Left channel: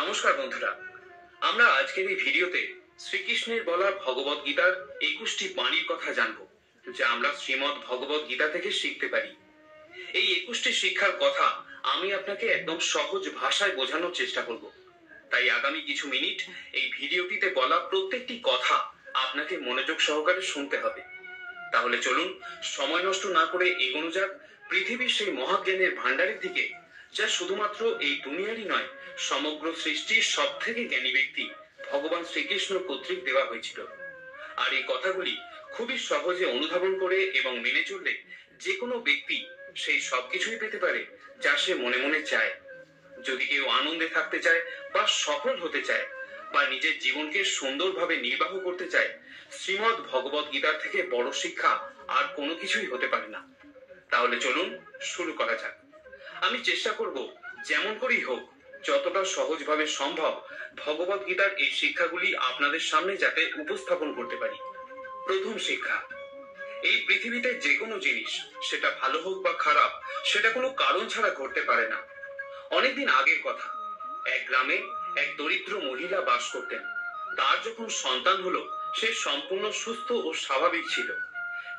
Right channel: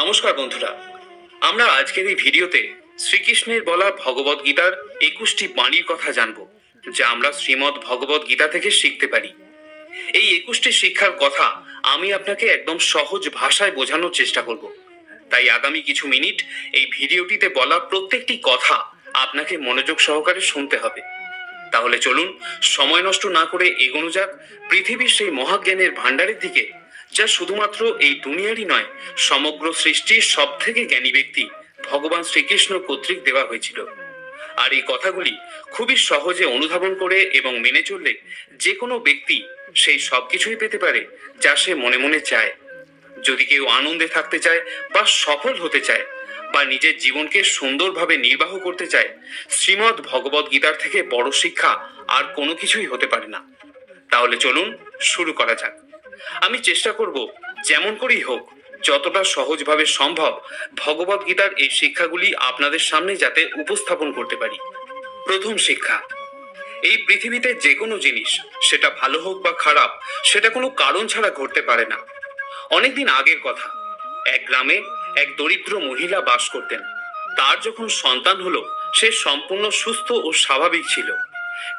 নমস্কার বন্ধুরা, আমরা আজকের এই ভিডিওতে শ্রীকৃষ্ণের বলা ভগবদ গীতার 21টি বাণীর কথা জানব, যা আমরা শ্রীমদ্ ভগবদ গীতা থেকে শিখতে পারি। এই 21টি শিক্ষার কথা আমি আপনাকে একদম সহজ ভাষায় বোঝানোর চেষ্টা করব। তাই আগামী কিছু মিনিট এই ভিডিওটিতে বলা প্রত্যেকটি কথা আপনাকে মনোযোগ সহকারে শুনতে হবে। তাহলে চলুন সময় নষ্ট না করে এগোনো যাক পৃথিবীর সেই মহাজ্ঞানের ভাণ্ডারের দিকে, যা শুধুমাত্র এই দুনিয়ারই নয়, সমগ্র সৃষ্টির সব থেকে জ্ঞানী ব্যক্তি ভগবান শ্রীকৃষ্ণ কর্তৃক দেওয়া হয়েছিল। আর এই কথাগুলি খুবই সহজে অনুধাবন করে এবং মেনে চললে যে কোনো ব্যক্তি সেই সবকিছুই পেতে পারে যা সে মনে মনে চায়। যদি কেউ আনন্দে থাকতে চায় বা সফল হতে চায় বা নিজের জীবনকে সুন্দরভাবে নির্বাহ করতে চায়, শ্রীমদ্ ভগবদ গীতার থেকে বড় শিক্ষা আর কোনো কিছুই হতে পারে না। তাহলে চলুন শুরু করা যাক। আমি চেষ্টা করব যেমন করেই হোক যতটা সহজভাবে সম্ভব ভগবদ গীতার এই শিক্ষাগুলি আপনাদের সামনে যাতে উপস্থাপন করতে পারি। প্রথম শিক্ষা, এই পৃথিবীতে যে কোনো জিনিস, সেটা ভালো হোক বা খারাপ, সেটা কোনো কারণ ছাড়া ঘটতে পারে না। অনেকদিন আগের কথা, এক গ্রামে এক দরিদ্র মহিলা বাস করতেন। তার যখন সন্তান হলো, সে সম্পূর্ণ সুস্থ ও স্বাভাবিক ছিল,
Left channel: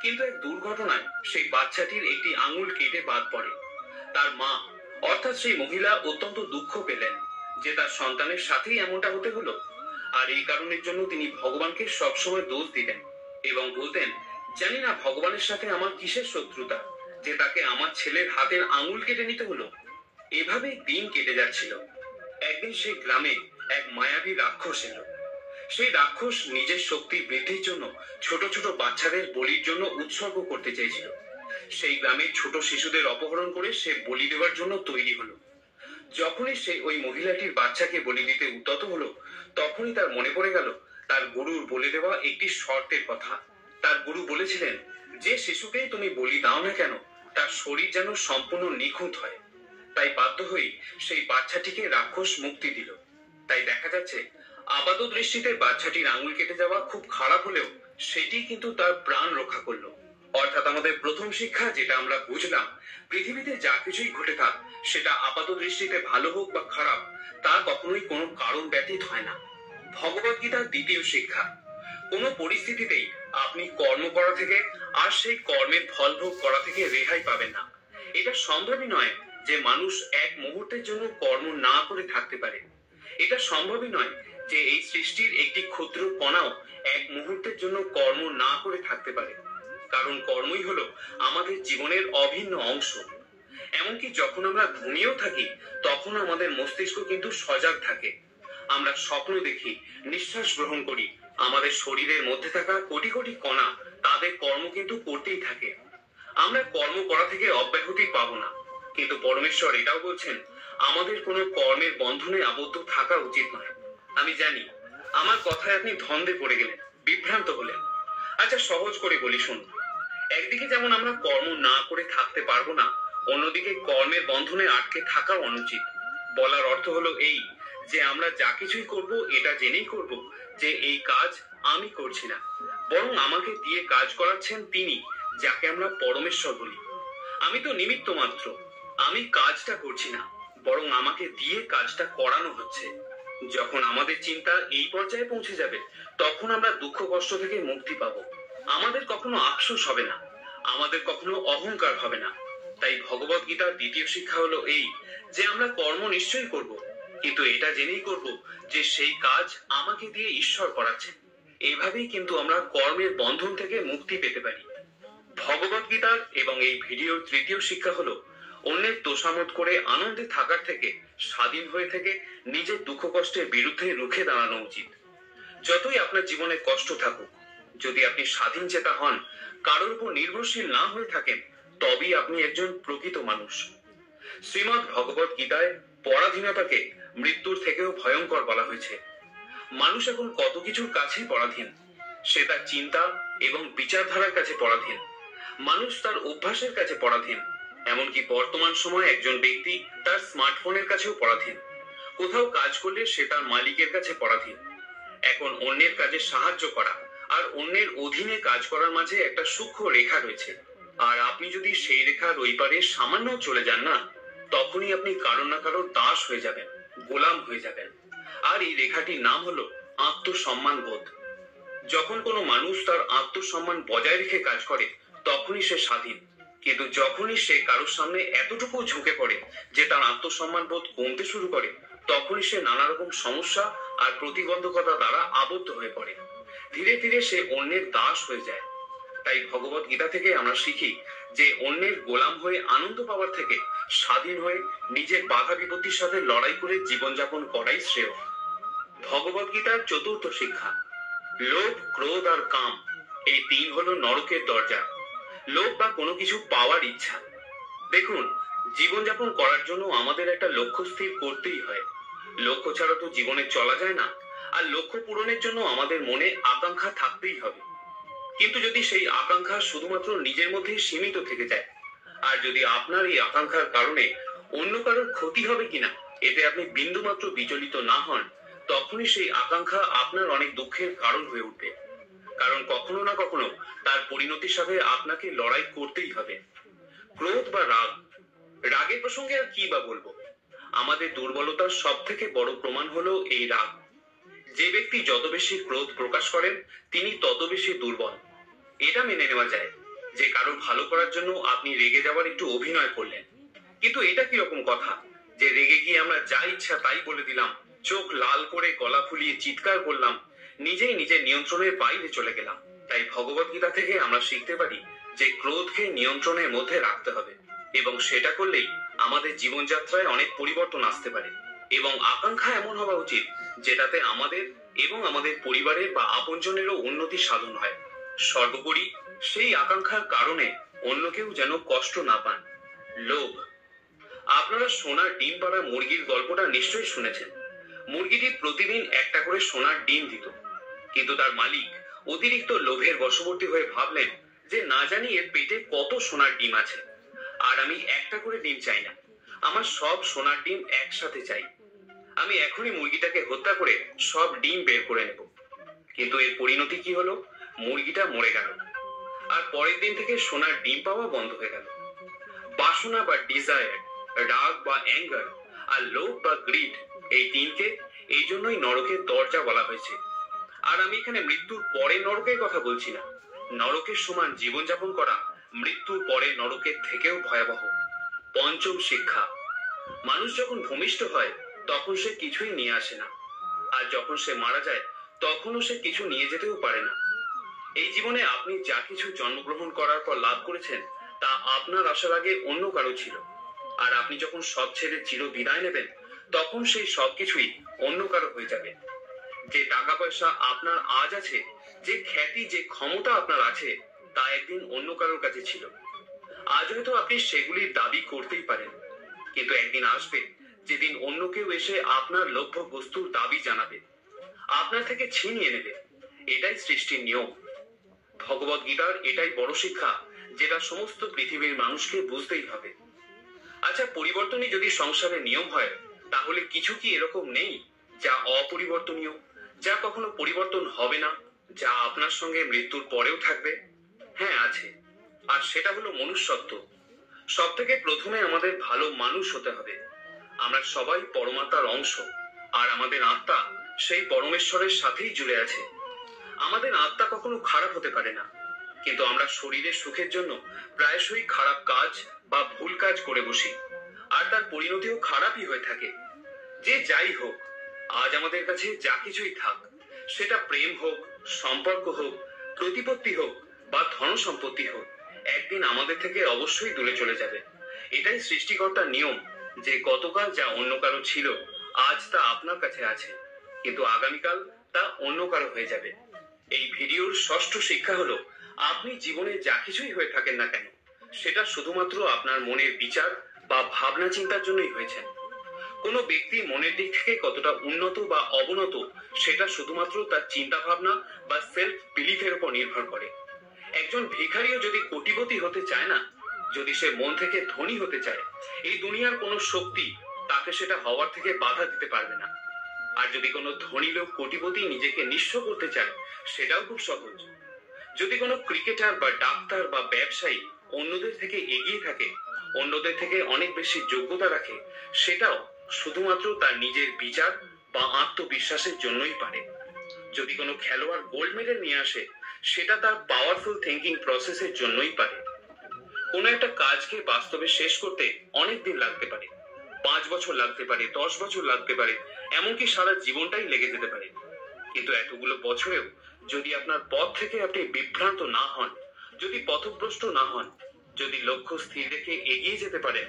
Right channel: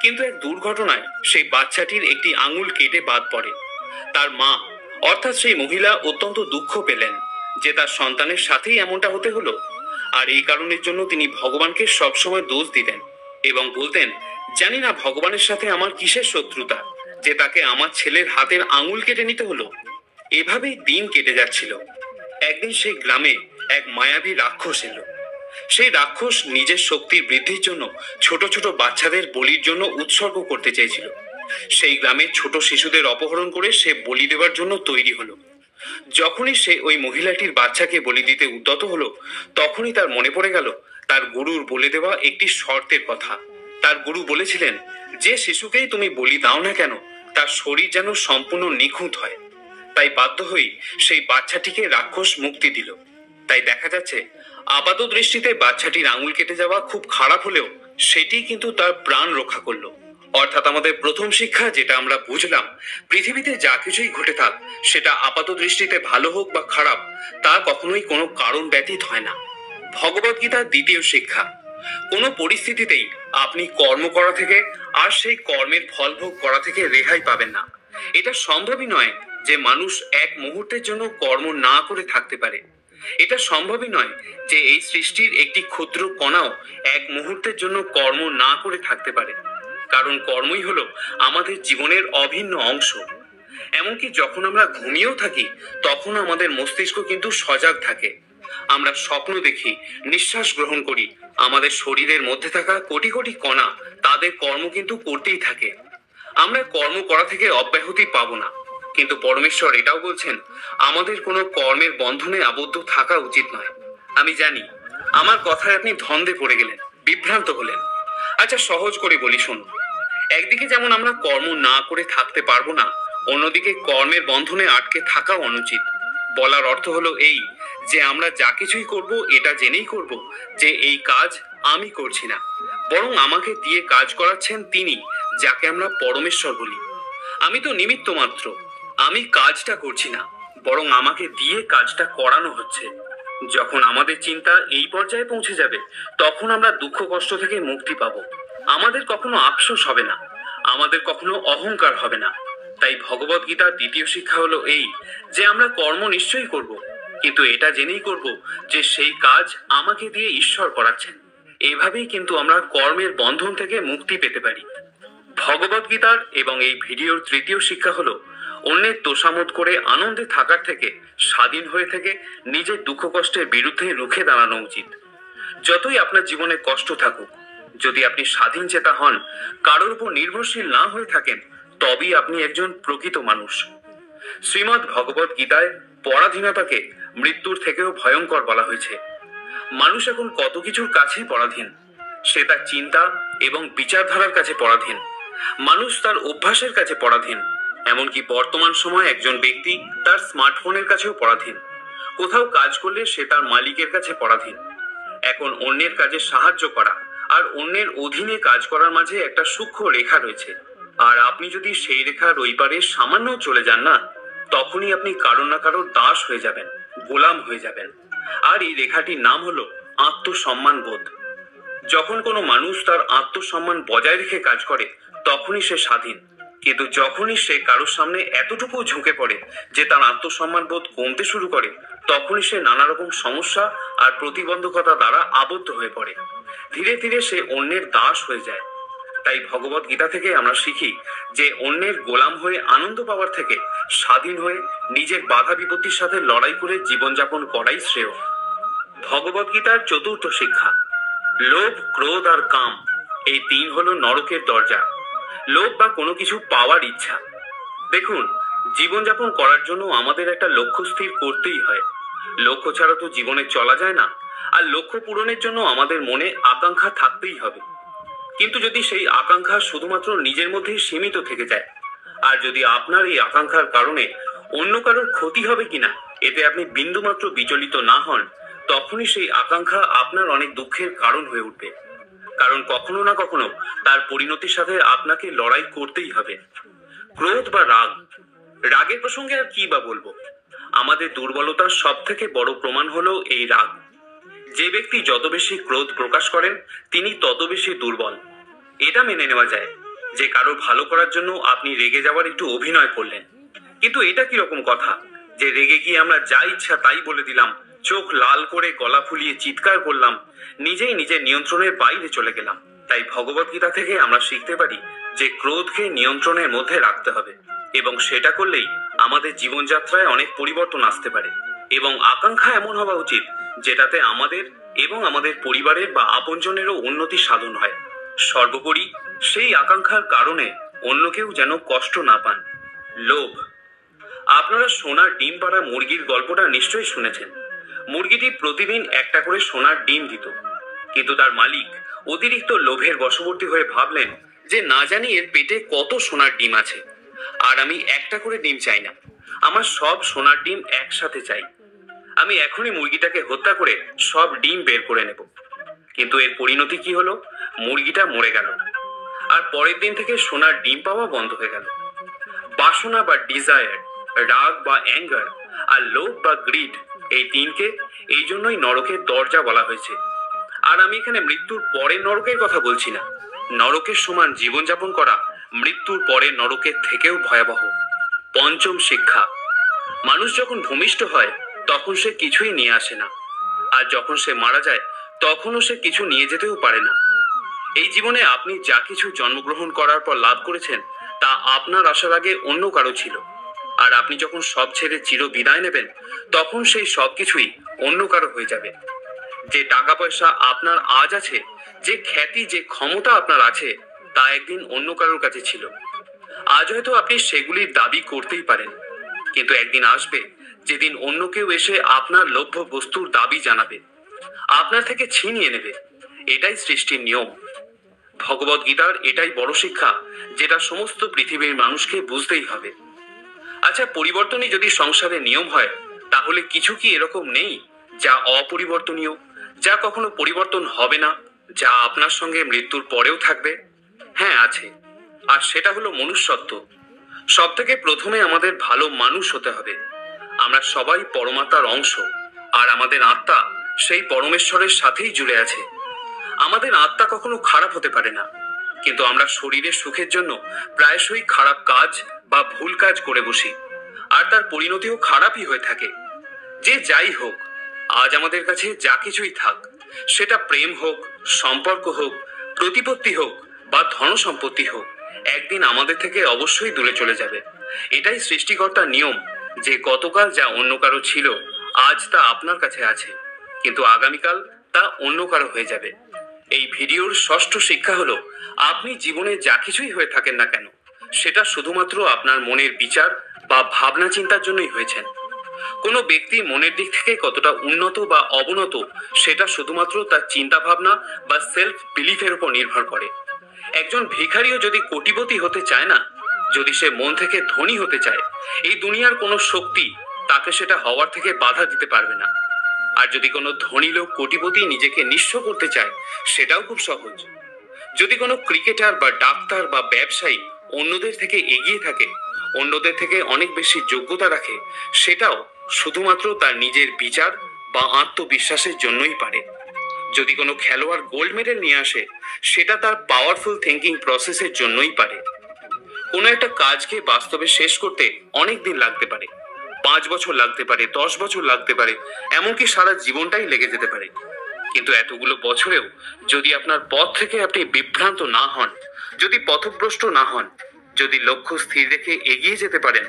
কিন্তু এক দুর্ঘটনায় সেই বাচ্চাটির একটি আঙুল কেটে বাদ পড়ে। তার মা অর্থাৎ সেই মহিলা অত্যন্ত দুঃখ পেলেন যে তার সন্তানের সাথেই এমনটা হতে হলো, আর এই কারণের জন্য তিনি ভগবানকে সবসময় দোষ দিতেন এবং বলতেন, জানি না ভগবানের সাথে আমার কিসের শত্রুতা যে তাকে আমার ছেলের হাতের আঙুল কেটে নিতে হলো। এভাবেই দিন কেটে যাচ্ছিল। একদিন সেই গ্রামে এক মায়াবী রাক্ষস এলো। সেই রাক্ষস নিজের শক্তির বৃদ্ধির জন্য ছোট ছোট বাচ্চাদের বলির জন্য উৎসর্গ করতে চেয়েছিল। সেই গ্রামের ছোট শিশুদের অপহরণ করে সে বলি দেওয়ার জন্য তৈরি হলো। যখনই সে ওই মহিলাটির বাচ্চাকে বলি দিতে উদ্যত হলো, তখনই তার মনে পড়ে গেল তার গুরুর বলে দেওয়া একটি শর্তের কথা। তার গুরু বলেছিলেন, যে শিশুকেই তুমি বলি দাও না কেন, তার শরীর যেন সম্পূর্ণ নিখুঁত হয়। তাই বাধ্য হয়ে সেই বাচ্চাটিকে রাক্ষস মুক্তি দিল। তাই দেখা যাচ্ছে আপাত দৃষ্টিতে বাচ্চাটির আঙুল কেটে যাওয়া খুব খারাপ হলেও সেটি কিন্তু তার প্রাণ রক্ষা করলো। অর্থাৎ আমাদের প্রথম শিক্ষা যেটা আমরা বুঝলাম, পৃথিবীতে যা কিছুই ঘটে থাক, সেটা আপাত দৃষ্টিতে ভালো হোক বা খারাপ, তা কখনোই কোনো কারণ ব্যতীত হয় না। ভগবদ গীতার দ্বিতীয় শিক্ষা, কোনো পরিস্থিতিতেই আপনি কর্ম করা থেকে আর সেই কর্মের ফল ভোগ করা থেকে রেহাই পাবেন না। এটা সম্ভবই নয় যে মানুষ এক মুহূর্তের জন্য কর্ম না করে থাকতে পারে। এটা সম্ভবই নয় যে এই সৃষ্টির একটি ক্ষুদ্র কণাও এক মুহূর্তের জন্য কর্ম না করে থাকতে পারে, কারণ কর্মই হলো আমাদের জীবনের অভিন্ন অংশ। এমনকি যখন আমরা ঘুমিয়েও থাকি, তখন আমাদের মস্তিষ্ক কিন্তু সজাগ থাকে। আমরা স্বপ্ন দেখি, নিঃশ্বাস গ্রহণ করি, আমাদের শরীরের মধ্যে থাকা কোটি কোটি কণা তাদের কর্ম কিন্তু করতেই থাকে। আমরা কর্ম করা থেকে অব্যাহতি পাবো না, কিন্তু পরমেশ্বর এটাও বলছেন, আমাদের কোনো কর্মের বন্ধনে আবদ্ধ থাকা উচিত নয়। আমি জানি আমার কথায় আপনি ধন্দে পড়ে গেলেন, বিভ্রান্ত হলেন। আচ্ছা, সহজ করে বলি শুনুন। একদিকে যেমন আমরা কর্ম না করে থাকতে পারবো না, অন্যদিকে কর্মের বন্ধনে আটকে থাকাও অনুচিত। বলার অর্থ হলো এই যে আমরা যা কিছুই করব এটা জেনেই করব যে এই কাজ আমি করছি না, বরং আমাকে দিয়ে কাজ করাচ্ছেন তিনি, যাকে আমরা পরমেশ্বর বলি। আমি তো নিমিত্ত মাত্র, আমি কাজটা করছি না, বরং আমাকে দিয়ে কাজটা করানো হচ্ছে। যখন আমাদের চিন্তা এই পর্যায়ে পৌঁছে যাবে, তখন আমরা দুঃখ কষ্ট থেকে মুক্তি পাবো। আমাদের কখনো আফসোস হবে না, আমাদের কখনো অহংকার হবে না। তাই ভগবদ গীতার দ্বিতীয় শিক্ষা হলো এই যে আমরা কর্ম নিশ্চয়ই করব, কিন্তু এটা জেনেই করব যে সেই কাজ আমাকে দিয়ে ঈশ্বর করাচ্ছেন। এভাবেই কিন্তু আমরা কর্মের বন্ধন থেকে মুক্তি পেতে পারি। ভগবদ গীতার এবং এই ভিডিওর তৃতীয় শিক্ষা হলো, অন্যের তোষামোদ করে আনন্দে থাকার থেকে স্বাধীন হয়ে থেকে নিজের দুঃখ কষ্টের বিরুদ্ধে রুখে দাঁড়ানো উচিত। যতই আপনার জীবনে কষ্ট থাকুক, যদি আপনি স্বাধীন চেতা হন, কারোর উপর নির্ভরশীল না হয়ে থাকেন, তবেই আপনি একজন প্রকৃত মানুষ। শ্রীমদ্ ভগবদ গীতায় পরাধীনতাকে মৃত্যুর থেকেও ভয়ঙ্কর বলা হয়েছে। মানুষ এখন কত কিছুর কাছেই পরাধীন। সে তার চিন্তা এবং বিচারধারার কাছে পরাধীন। মানুষ তার অভ্যাসের কাছে পরাধীন। এমনকি বর্তমান সময়ে একজন ব্যক্তি তার স্মার্টফোনের কাছেও পরাধীন। কোথাও কাজ করলে সে তার মালিকের কাছে পরাধীন। এখন অন্যের কাজে সাহায্য করা আর অন্যের অধীনে কাজ করার মাঝে একটা সূক্ষ্ম রেখা রয়েছে, আর আপনি যদি সেই রেখার ওই পারে সামান্য চলে যান না, তখনই আপনি কারো না কারোর দাস হয়ে যাবেন, গোলাম হয়ে যাবেন। আর এই রেখাটির নাম হলো আত্মসম্মান বোধ। যখন কোনো মানুষ তার আত্মসম্মান বজায় রেখে কাজ করে তখনই সে স্বাধীন। কিন্তু যখনই সে কারোর সামনে এতটুকু ঝুঁকে পড়ে যে তার আত্মসম্মান বোধ কমতে শুরু করে, তখনই সে নানা রকম সমস্যা আর প্রতিবন্ধকতা দ্বারা আবদ্ধ হয়ে পড়ে। ধীরে ধীরে সে অন্যের দাস হয়ে যায়। তাই ভগবত গীতা থেকে আমরা শিখি যে অন্যের গোলাম হয়ে আনন্দ পাওয়ার থেকে স্বাধীন হয়ে নিজের বাধা বিপত্তির সাথে লড়াই করে জীবনযাপন করাই শ্রেয়। ভগবত গীতার চতুর্থ শিক্ষা, লোভ, ক্রোধ আর কাম এই তিন হলো নরকের দরজা। লোভ বা কোনো কিছু পাওয়ার ইচ্ছা। দেখুন, জীবনযাপন করার জন্য আমাদের একটা লক্ষ্য স্থির করতেই হয়। লক্ষ্য ছাড়া তো জীবনে চলা যায় না। আর লক্ষ্য পূরণের জন্য আমাদের মনে আকাঙ্ক্ষা থাকতেই হবে। কিন্তু যদি সেই আকাঙ্ক্ষা শুধুমাত্র নিজের মধ্যেই সীমিত থেকে যায়, আর যদি আপনার এই আকাঙ্ক্ষার কারণে অন্য কারোর ক্ষতি হবে কিনা এতে আপনি বিন্দুমাত্র বিচলিত না হন, তখনই সেই আকাঙ্ক্ষা আপনার অনেক দুঃখের কারণ হয়ে উঠবে। কারণ কখনো না কখনো তার পরিণতির সাথে আপনাকে লড়াই করতেই হবে। ক্রোধ বা রাগ, রাগের প্রসঙ্গে আর কি বা বলবো। আমাদের দুর্বলতার সব থেকে বড় প্রমাণ হলো এই রাগ। যে ব্যক্তি যত বেশি ক্রোধ প্রকাশ করেন তিনি তত বেশি দুর্বল। এটা মেনে নেওয়া যায় যে কারো ভালো করার জন্য আপনি রেগে যাওয়ার একটু অভিনয় করলেন, কিন্তু এটা কিরকম কথা যে রেগে গিয়ে আমরা যা ইচ্ছা তাই বলে দিলাম, চোখ লাল করে গলা ফুলিয়ে চিৎকার করলাম, নিজেই নিজের নিয়ন্ত্রণের বাইরে চলে গেলাম। তাই ভগবত গীতা থেকে আমরা শিখতে পারি যে ক্রোধকে নিয়ন্ত্রণের মধ্যে রাখতে হবে, এবং সেটা করলেই আমাদের জীবনযাত্রায় অনেক পরিবর্তন আসতে পারে। এবং আকাঙ্ক্ষা এমন হওয়া উচিত যেটাতে আমাদের এবং আমাদের পরিবারের বা আপনজনেরও উন্নতি সাধন হয়। সর্বোপরি সেই আকাঙ্ক্ষার কারণে অন্য কেউ যেন কষ্ট না পান। লোভ, আপনারা সোনার ডিম পাড়া মুরগির গল্পটা নিশ্চয়ই শুনেছেন। মুরগিটি প্রতিদিন একটা করে সোনার ডিম দিত, কিন্তু তার মালিক অতিরিক্ত লোভের বশবর্তী হয়ে ভাবলেন যে না জানি এর পেটে কত সোনার ডিম আছে, আর আমি একটা করে ডিম চাই না, আমার সব সোনার ডিম একসাথে চাই। আমি এখনই মুরগিটাকে হত্যা করে সব ডিম বের করে নেব। কিন্তু এর পরিণতি কি হলো? মুরগিটা মরে গেল, আর পরের দিন থেকে সোনার ডিম পাওয়া বন্ধ হয়ে গেল। বাসনা বা ডিজায়ার, রাগ বা অ্যাঙ্গার, আর লোভ বা গ্রিড, এই তিনকে এই জন্যই নরকের দরজা বলা হয়েছে। আর আমি এখানে মৃত্যুর পরে নরকের কথা বলছি না। নরকের সমান জীবনযাপন করা মৃত্যুর পরে নরকের থেকেও ভয়াবহ। পঞ্চম শিক্ষা, মানুষ যখন ভূমিষ্ঠ হয় তখন সে কিছুই নিয়ে আসে না, আর যখন সে মারা যায় তখনও সে কিছু নিয়ে যেতেও পারে না। এই জীবনে আপনি যা কিছু জন্মগ্রহণ করার পর লাভ করেছেন তা আপনার আসার আগে অন্য কারো ছিল, আর আপনি যখন সব ছেড়ে চির বিদায় নেবেন তখন সেই সব কিছুই অন্য কারো হয়ে যাবে। যে টাকা পয়সা আপনার আজ আছে, যে খ্যাতি, যে ক্ষমতা আপনার আছে, তা একদিন অন্য কারোর কাছে ছিল। আজ হয়তো আপনি সেগুলির দাবি করতেই পারেন, কিন্তু একদিন আসবে যেদিন অন্য কেউ এসে আপনার লভ্য বস্তুর দাবি জানাবে, আপনার থেকে ছিনিয়ে নেবে। এটাই সৃষ্টির নিয়ম। ভগবত গীতার এটাই বড় শিক্ষা, যেটা সমস্ত পৃথিবীর মানুষকে বুঝতেই হবে। আচ্ছা, পরিবর্তনই যদি সংসারের নিয়ম হয়, তাহলে কিছু কি এরকম নেই যা অপরিবর্তনীয়, যা কখনো পরিবর্তন হবে না, যা আপনার সঙ্গে মৃত্যুর পরেও থাকবে? হ্যাঁ, আছে। আর সেটা হলো মনুষ্যত্ব। সব থেকে প্রথমে আমাদের ভালো মানুষ হতে হবে। আমরা সবাই পরমাত্মার অংশ, আর আমাদের আত্মা সেই পরমেশ্বরের সাথেই জুড়ে আছে। আমাদের আত্মা কখনো খারাপ হতে পারে না, কিন্তু আমরা শরীরের সুখের জন্য প্রায়শই খারাপ কাজ বা ভুল কাজ করে বসি, আর তার পরিণতিও খারাপই হয়ে থাকে। যে যাই হোক, আজ আমাদের কাছে যা কিছুই থাক, সেটা প্রেম হোক, সম্পর্ক হোক, প্রতিপত্তি হোক বা ধন সম্পত্তি হোক, একদিন আমাদের থেকে অবশ্যই দূরে চলে যাবে। এটাই সৃষ্টিকর্তার নিয়ম যে গতকাল যা অন্য কারো ছিল আজ তা আপনার কাছে আছে, কিন্তু আগামীকাল তা অন্য কারো হয়ে যাবে। এই ভিডিওর ষষ্ঠ শিক্ষা হলো, আপনি জীবনে যা কিছুই হয়ে থাকেন না কেন, সেটা শুধুমাত্র আপনার মনের বিচার বা ভাবনা চিন্তার জন্যই হয়েছেন। কোনো ব্যক্তি মনের দিক থেকে কতটা উন্নত বা অবনত সেটা শুধুমাত্র তার চিন্তা ভাবনা বা সেলফ বিলিফের উপর নির্ভর করে। একজন ভিখারিও যদি কোটিপতি হতে চায় না, যদি সে মন থেকে ধনী হতে চায়, এই দুনিয়ার কোনো শক্তি তাকে সেটা হওয়ার থেকে বাধা দিতে পারবে না। আর যদি কোনো ধনী লোক কোটিপতি নিজেকে নিঃস্ব করতে চায়, সেটাও খুব সহজ। যদি কোনো ক্রিকেটার বা ডাক্তার বা ব্যবসায়ী অন্যদের থেকে এগিয়ে থাকে, অন্যদের থেকে অনেক বেশি যোগ্যতা রাখে, সেটাও শুধুমাত্র তার নিজের বিচার বা আত্মবিশ্বাসের জন্যই পারে। যদি কোনো খেলোয়াড় গোল্ড মেডেল নিয়ে আসে, সেটা তার পাওয়ারফুল থিঙ্কিং প্রসেসের জন্যই পারে। কোনো একটা কাজকে বাস্তবে শেষ করতে অনেক দিন লাগতে পারে, 5 বছর লাগতে পারে, 10 বছর লাগতে পারে, এমনকি সারা জীবনটাই লেগে যেতে পারে। কিন্তু এতগুলো বছরেও যদি আপনার পথ থেকে আপনি বিভ্রান্ত না হন, যদি পথভ্রষ্ট না হন, যদি লক্ষ্য স্থির রেখে এগিয়ে যেতে পারেন,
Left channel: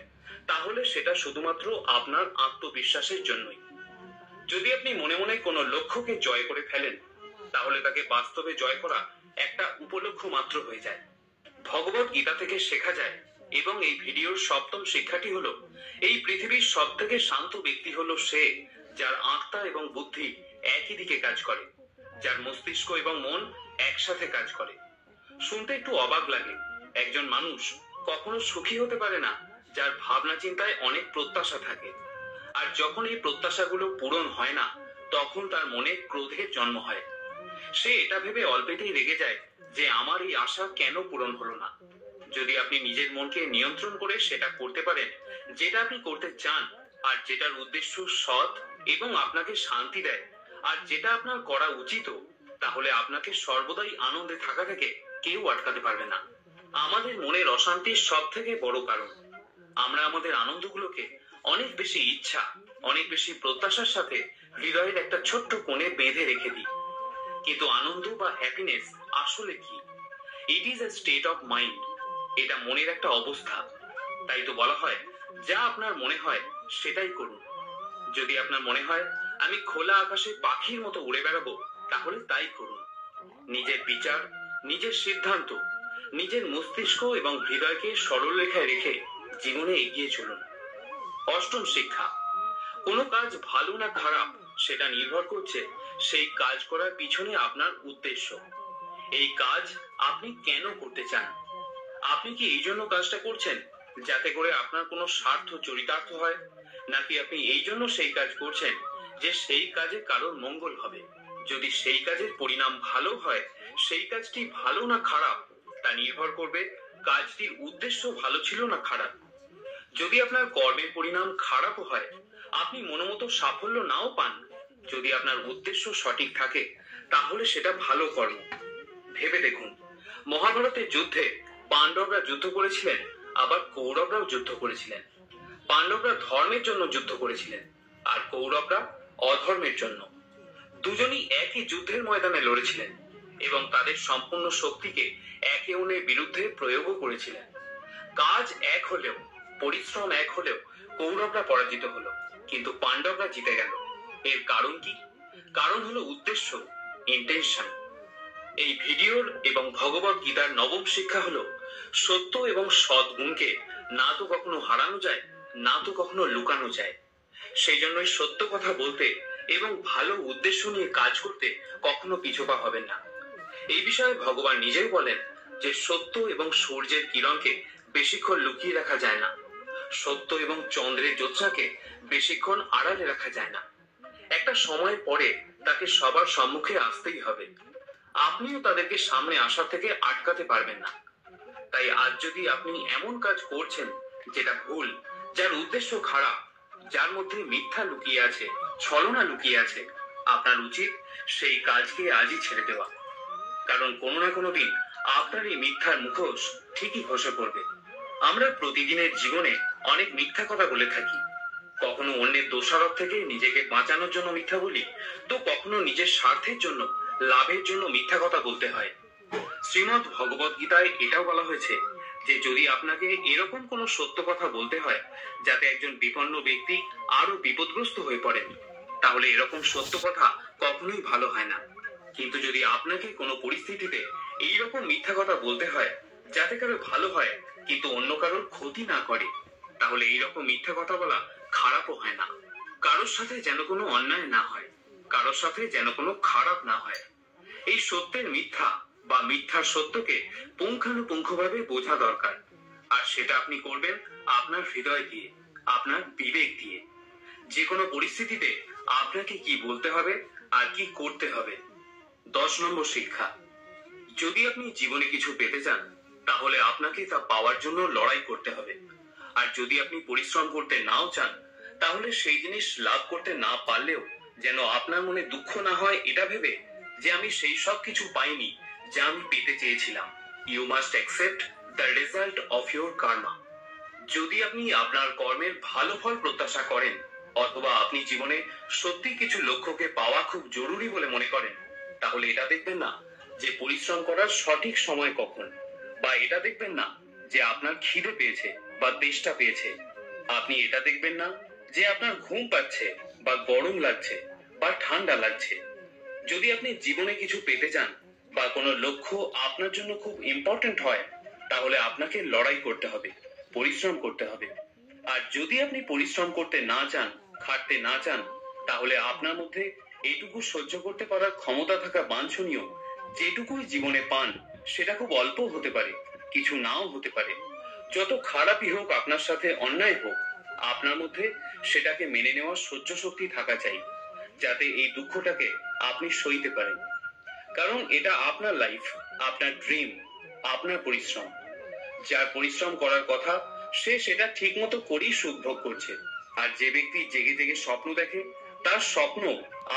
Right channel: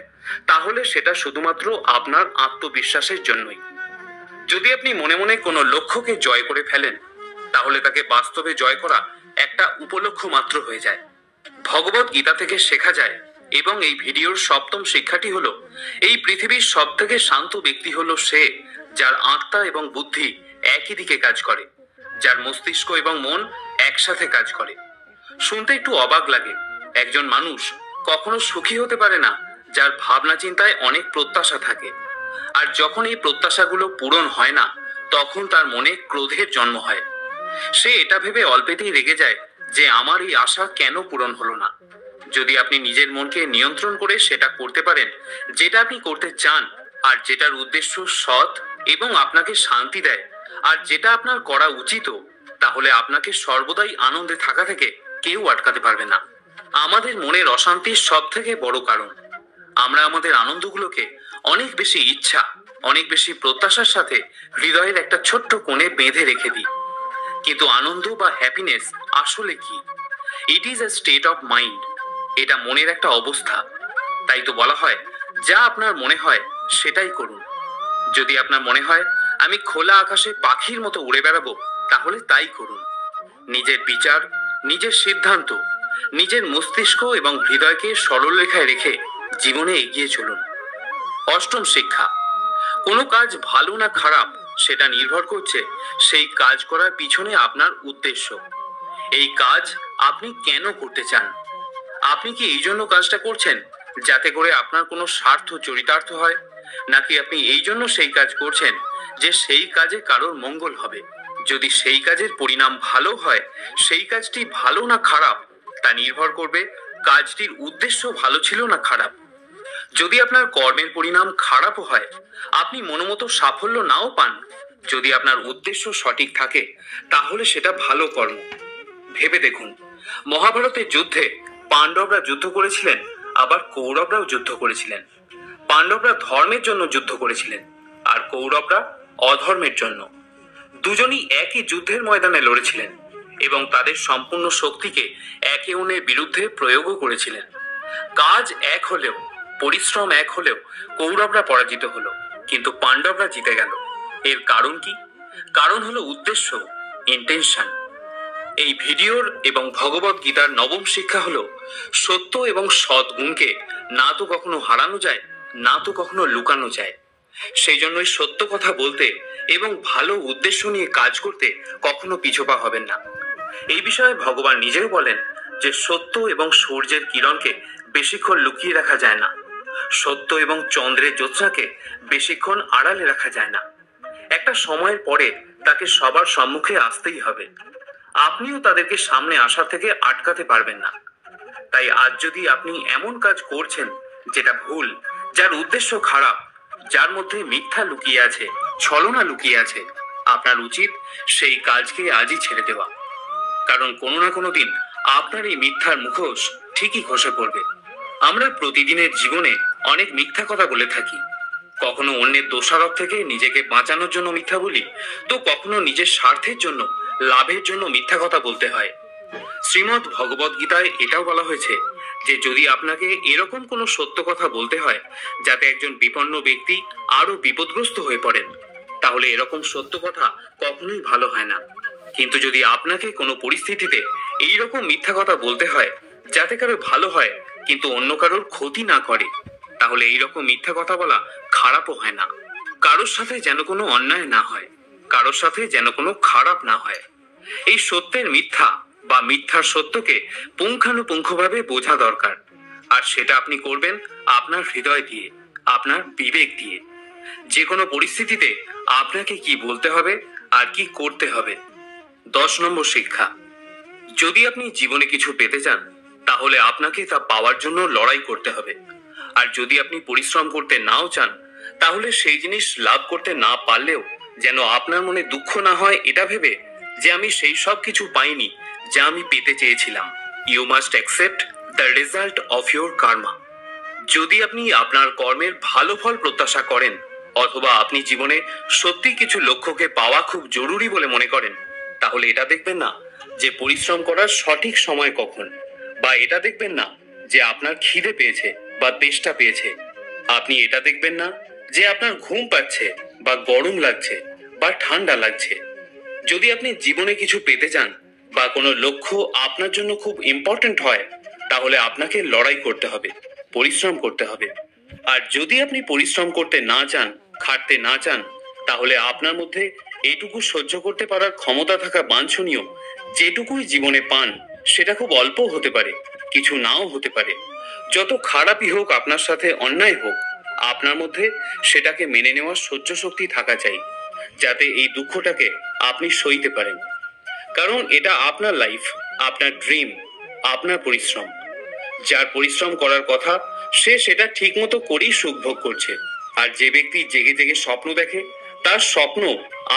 তাহলে সেটা শুধুমাত্র আপনার আত্মবিশ্বাসের জন্যই। যদি আপনি মনে মনে কোনো লক্ষ্যকে জয় করে ফেলেন, তাহলে তাকে বাস্তবে জয় করা একটা উপলক্ষ্য মাত্র হয়ে যায়। ভগবত গীতা থেকে শেখা যায়, এবং এই ভিডিওর সপ্তম শিক্ষাটি হলো, এই পৃথিবীর সব থেকে শান্ত ব্যক্তি হলো সে যার আত্মা এবং বুদ্ধি একই দিকে কাজ করে, যার মস্তিষ্ক এবং মন একসাথে কাজ করে। শুনতে একটু অবাক লাগে, একজন মানুষ কখনো সুখী হতে পারে না যার ভাবনা চিন্তায় অনেক প্রত্যাশা থাকে, আর যখন এই প্রত্যাশাগুলো পূরণ হয় না, তখন তার মনে ক্রোধের জন্ম হয়। সে এটা ভেবে অল্পেতেই রেগে যায় যে আমার এই আশা কেন পূরণ হলো না। যদি আপনি নিজের মনকে নিয়ন্ত্রণ করে সেটা করতে পারেন যেটা আপনি করতে চান, আর যেটার উদ্দেশ্য সৎ এবং আপনাকে শান্তি দেয়, আর যেটা আপনার করা উচিত, তাহলে আপনাকে সর্বদাই আনন্দে থাকা থেকে কেউ আটকাতে পারবে না। আমাদের মনের অশান্তির সব থেকে বড় কারণ, আমরা আমাদের আনন্দগুলোকে অনেক বেশি ইচ্ছা, অনেক বেশি প্রত্যাশার সাথে হৃদয়ের একটা ছোট্ট কোণে বেঁধে রেখে দিই। কিন্তু আনন্দ বা হ্যাপিনেস আসলে কি? It is a state of mind. এটা মনের একটা অবস্থা। তাই তো বলা হয়, যা আপনার মনে হয় সেটাই করুন। যদি আপনার মনে হয় আমি খোলা আকাশে পাখির মতো উড়ে বেড়াবো, তাহলে তাই করুন। নিজের বিচার, নিজের সিদ্ধান্ত, নিজের মস্তিষ্ক এবং হৃদয়কে সরল রেখায় রেখে জীবনে এগিয়ে চলুন। অষ্টম শিক্ষা, কোনো কাজ ভালো না খারাপ সেটা নির্ভর করছে সেই কাজ করার পিছনে আপনার উদ্দেশ্য। এই কাজ আপনি কেন করতে চান? আপনি কি এই জন্য কাজটা করছেন যাতে করে আপনার কোনো স্বার্থ চরিতার্থ হয়, নাকি আপনি এই জন্য সেই কাজ করছেন যে সেই কাজে কারোর মঙ্গল হবে? যদি সেই কাজের পরিণাম ভালো হয়, সেই কাজটি ভালো না খারাপ তা নির্ভর করবে কাজটির উদ্দেশ্য ভালো ছিল না খারাপ। যদি আপনার কর্মের পরিণাম খারাপও হয়, আপনি মনোমতো সাফল্য নাও পান, যদি আপনার উদ্দেশ্য সঠিক থাকে, তাহলে সেটা ভালো কর্ম। ভেবে দেখুন, মহাভারতের যুদ্ধে পাণ্ডবরা যুদ্ধ করেছিলেন, আবার কৌরবরাও যুদ্ধ করেছিলেন। পাণ্ডবরা ধর্মের জন্য যুদ্ধ করেছিলেন, আর কৌরবরা অধর্মের জন্য। দুজনই একই যুদ্ধের ময়দানে লড়েছিলেন এবং তাদের সম্পূর্ণ শক্তিকে একে অন্যের বিরুদ্ধে প্রয়োগও করেছিলেন। কাজ এক হলেও, পরিশ্রম এক হলেও কৌরবরা পরাজিত হলো, কিন্তু পাণ্ডবরা জিতে গেল। এর কারণ কি? কারণ হলো উদ্দেশ্য, ইন্টেনশন। এই ভিডিওর এবং ভগবত গীতার নবম শিক্ষা হলো, সত্য এবং সৎ গুণকে না তো কখনো হারানো যায়, না তো কখনো লুকানো যায়। সেই জন্যই সত্য কথা বলতে এবং ভালো উদ্দেশ্য নিয়ে কাজ করতে কখনো পিছপা হবেন না। এই বিষয়ে ভগবান নিজেও বলেন যে সত্য এবং সূর্যের কিরণকে বেশিক্ষণ লুকিয়ে রাখা যায় না, সত্য এবং চন্দ্রের জ্যোৎস্নাকে বেশিক্ষণ আড়ালে রাখা যায় না। একটা সময়ের পরে তাকে সবার সম্মুখে আসতেই হবে। আপনিও তাদেরকে সামনে আসা থেকে আটকাতে পারবেন না। তাই আজ যদি আপনি এমন কাজ করছেন যেটা ভুল, যার উদ্দেশ্য খারাপ, যার মধ্যে মিথ্যা লুকিয়ে আছে, ছলনা লুকিয়ে আছে, আপনার উচিত সেই কাজকে আজই ছেড়ে দেওয়া। কারণ কোনো না কোনো দিন আপনার এই মিথ্যার মুখোশ ঠিকই খসে পড়বে। আমরা প্রতিদিনের জীবনে অনেক মিথ্যা কথা বলে থাকি। কখনো অন্যের দোষারোপ থেকে নিজেকে বাঁচানোর জন্য মিথ্যা বলি, তো কখনো নিজের স্বার্থের জন্য, লাভের জন্য মিথ্যা কথা বলতে হয়। শ্রীমদ্ ভগবত গীতায় এটাও বলা হয়েছে যে যদি আপনাকে এরকম কোনো সত্য কথা বলতে হয় যাতে একজন বিপন্ন ব্যক্তি আরো বিপদগ্রস্ত হয়ে পড়েন, তাহলে এরকম সত্য কথা কখনোই ভালো হয় না। কিন্তু যদি আপনাকে কোনো পরিস্থিতিতে এইরকম মিথ্যা কথা বলতে হয় যাতে কারো ভালো হয় কিন্তু অন্য কারোর ক্ষতি না করে, তাহলে এইরকম মিথ্যা কথা বলা খারাপও হয় না। কারোর সাথে যেন কোনো অন্যায় না হয়, কারোর সাথে যেন কোনো খারাপ না হয়। এই সত্যের মিথ্যা বা মিথ্যার সত্যকে পুঙ্খানুপুঙ্খভাবে বোঝা দরকার, আর সেটা আপনি করবেন আপনার হৃদয় দিয়ে, আপনার বিবেক দিয়ে। যে কোনো পরিস্থিতিতে আপনাকে কি বলতে হবে আর কি করতে হবে। 10 নম্বর শিক্ষা, যদি আপনি জীবনে কিছু পেতে চান, তাহলে আপনাকে তা পাওয়ার জন্য লড়াই করতে হবে। আর যদি আপনি পরিশ্রম করতে নাও চান, তাহলে সেই জিনিস লাভ করতে না পারলেও যেন আপনার মনে দুঃখ না হয় এটা ভেবে যে আমি সেই সব কিছু পাইনি যা আমি পেতে চেয়েছিলাম। You must accept the result of your karma. যদি আপনি আপনার কর্মের ভালো ফল প্রত্যাশা করেন, অথবা আপনি জীবনে সত্যি কিছু লক্ষ্যকে পাওয়া খুব জরুরি বলে মনে করেন, তাহলে এটা দেখবেন না যে পরিশ্রম করার সঠিক সময় কখন, বা এটা দেখবেন না যে আপনার খিদে পেয়েছে বা তেষ্টা পেয়েছে। আপনি এটা দেখবেন না যে আপনার ঘুম পাচ্ছে বা গরম লাগছে বা ঠান্ডা লাগছে। যদি আপনি জীবনে কিছু পেতে চান বা কোনো লক্ষ্য আপনার জন্য খুব ইম্পর্ট্যান্ট হয়, তাহলে আপনাকে লড়াই করতে হবে, পরিশ্রম করতে হবে। আর যদি আপনি পরিশ্রম করতে না চান, খাটতে না চান, তাহলে আপনার মধ্যে এটুকু সহ্য করতে পারার ক্ষমতা থাকা বাঞ্ছনীয়। যেটুকুই জীবনে পান সেটা খুব অল্প হতে পারে, কিছু নাও হতে পারে। যত খারাপই হোক, আপনার সাথে অন্যায় হোক, আপনার মধ্যে সেটাকে মেনে নেওয়ার সহ্য শক্তি থাকা চাই, যাতে এই দুঃখটাকে আপনি সইতে পারেন। কারণ এটা আপনার লাইফ, আপনার ড্রিম, আপনার পরিশ্রম। যার পরিশ্রম করার কথা সে সেটা ঠিক মতো করেই সুখ ভোগ করছে। আর যে ব্যক্তি জেগে জেগে স্বপ্ন দেখে, তার স্বপ্ন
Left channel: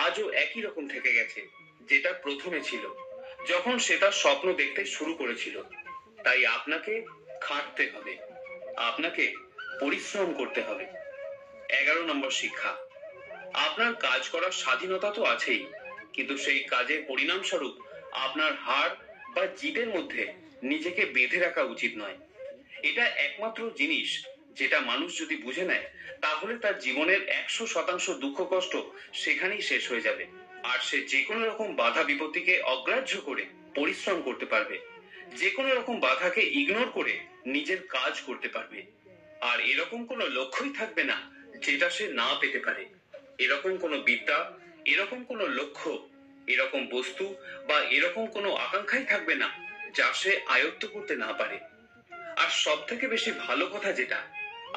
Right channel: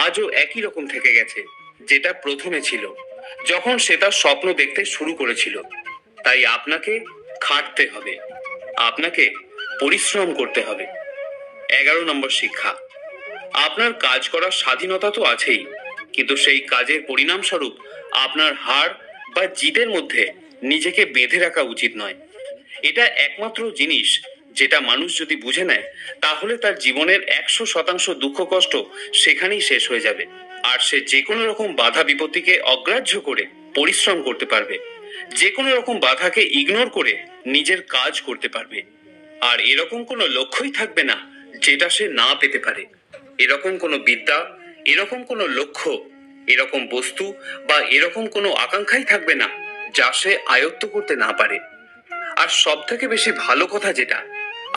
আজও একই রকম থেকে গেছে যেটা প্রথমে ছিল, যখন সে তার স্বপ্ন দেখতে শুরু করেছিল। তাই আপনাকে খাটতে হবে, আপনাকে পরিশ্রম করতে হবে। 11 নম্বর শিক্ষা। আপনার কাজ করার স্বাধীনতা তো আছেই, কিন্তু সেই কাজের পরিণামস্বরূপ আপনার হার বা জিতের মধ্যে নিজেকে বেঁধে রাখা উচিত নয়। এটা একমাত্র জিনিস যেটা মানুষ যদি বুঝে নেয়, তাহলে তার জীবনের 100% দুঃখ কষ্ট সেখানেই শেষ হয়ে যাবে। আর সে যে কোনো রকম বাধা বিপত্তিকে অগ্রাহ্য করে পরিশ্রম করতে পারবে, যে কোনো রকম বাধাকে ইগনোর করে নিজের কাজ করতে পারবে। আর এরকম কোনো লক্ষ্যই থাকবে না যেটা সে না পেতে পারে। এরকম কোনো বিদ্যা, এরকম কোনো লক্ষ্য, এরকম বস্তু বা এরকম কোনো আকাঙ্ক্ষাই থাকবে না যা সে আয়ত্ত করতে না পারে। আর সব থেকে বেশি ভালো কথা যেটা,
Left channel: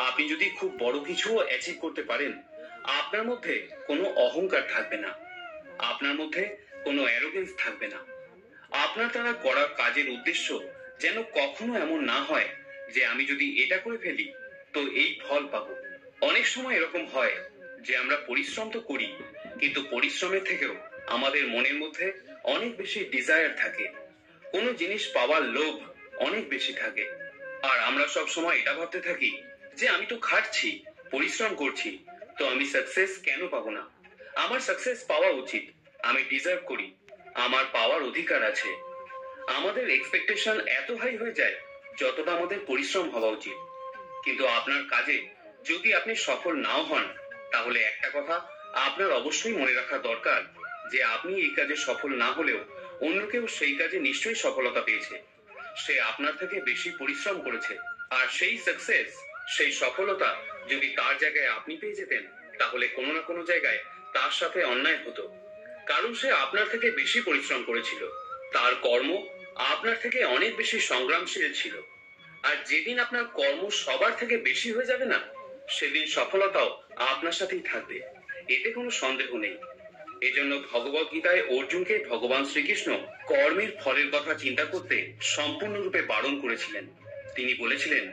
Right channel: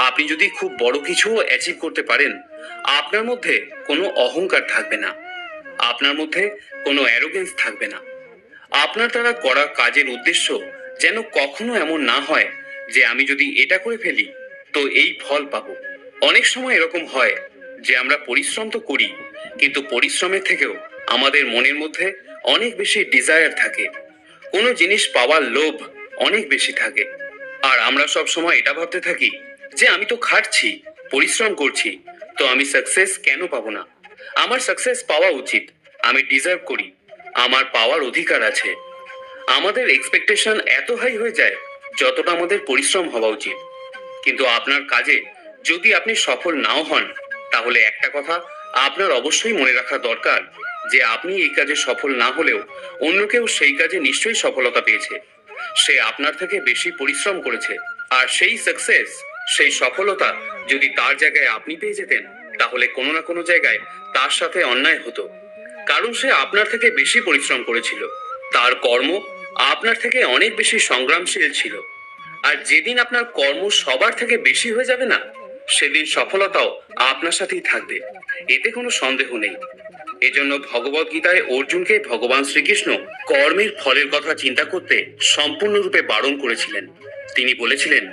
আপনি যদি খুব বড় কিছু অ্যাচিভ করতে পারেন, আপনার মধ্যে কোনো অহংকার থাকবে না, আপনার মধ্যে কোনো অ্যারোগেন্স থাকবে না। আপনার দ্বারা করা কাজের উদ্দেশ্য যেন কখনো এমন না হয় যে আমি যদি এটা করে ফেলি তো এই ফল পাবো। অনেক সময় এরকম হয় যে আমরা পরিশ্রম তো করি, কিন্তু পরিশ্রমের থেকেও আমাদের মনের মধ্যে অনেক বেশি ডিজায়ার থাকে, কোনো জিনিস পাওয়ার লোভ অনেক বেশি থাকে। আর আমরা সব সময় এটা ভাবতে থাকি যে আমি তো খাটছি, পরিশ্রম করছি, তো আমি সাকসেস কেন পাবো না? আমার সাকসেস পাওয়া উচিত, আমি ডিজার্ভ করি, আমার পাওয়ার অধিকার আছে। আমাদের এক্সপেকটেশন এত হাই হয়ে যায় যতটা আমাদের পরিশ্রম হওয়া উচিত। কিন্তু আপনার কাজে যদি আপনি সফল নাও হন, তাহলে একটা কথা আপনার অবশ্যই মনে রাখা দরকার যে আপনি এই কাজে সফল না হলেও অন্য কেউ সেই কাজে নিশ্চয়ই সফলতা পেয়েছে। সে আপনার থেকে বেশি পরিশ্রম করেছে। আর সেই সাকসেস, সেই সফলতা যদি তার জায়গায় আপনি পেয়ে যেতেন, তাহলে কোনো না কোনো জায়গায় তার সাথে অন্যায় হতো। কারণ সে আপনার থেকে বেশি পরিশ্রম করেছিল, তার কর্ম আপনার থেকে অনেক বেশি সংগ্রামশীল ছিল। আর যেদিন আপনার কর্ম সবার থেকে বেশি হয়ে যাবে না, সেদিন সফলতাও আপনার সাথেই থাকবে, এতে কোনো সন্দেহ নেই। এজন্য ভগবত গীতায় অর্জুনকে ভগবান শ্রীকৃষ্ণ কর্মের ফলের কথা চিন্তা করতে সম্পূর্ণরূপে বারণ করেছিলেন। তিনি বলেছিলেন,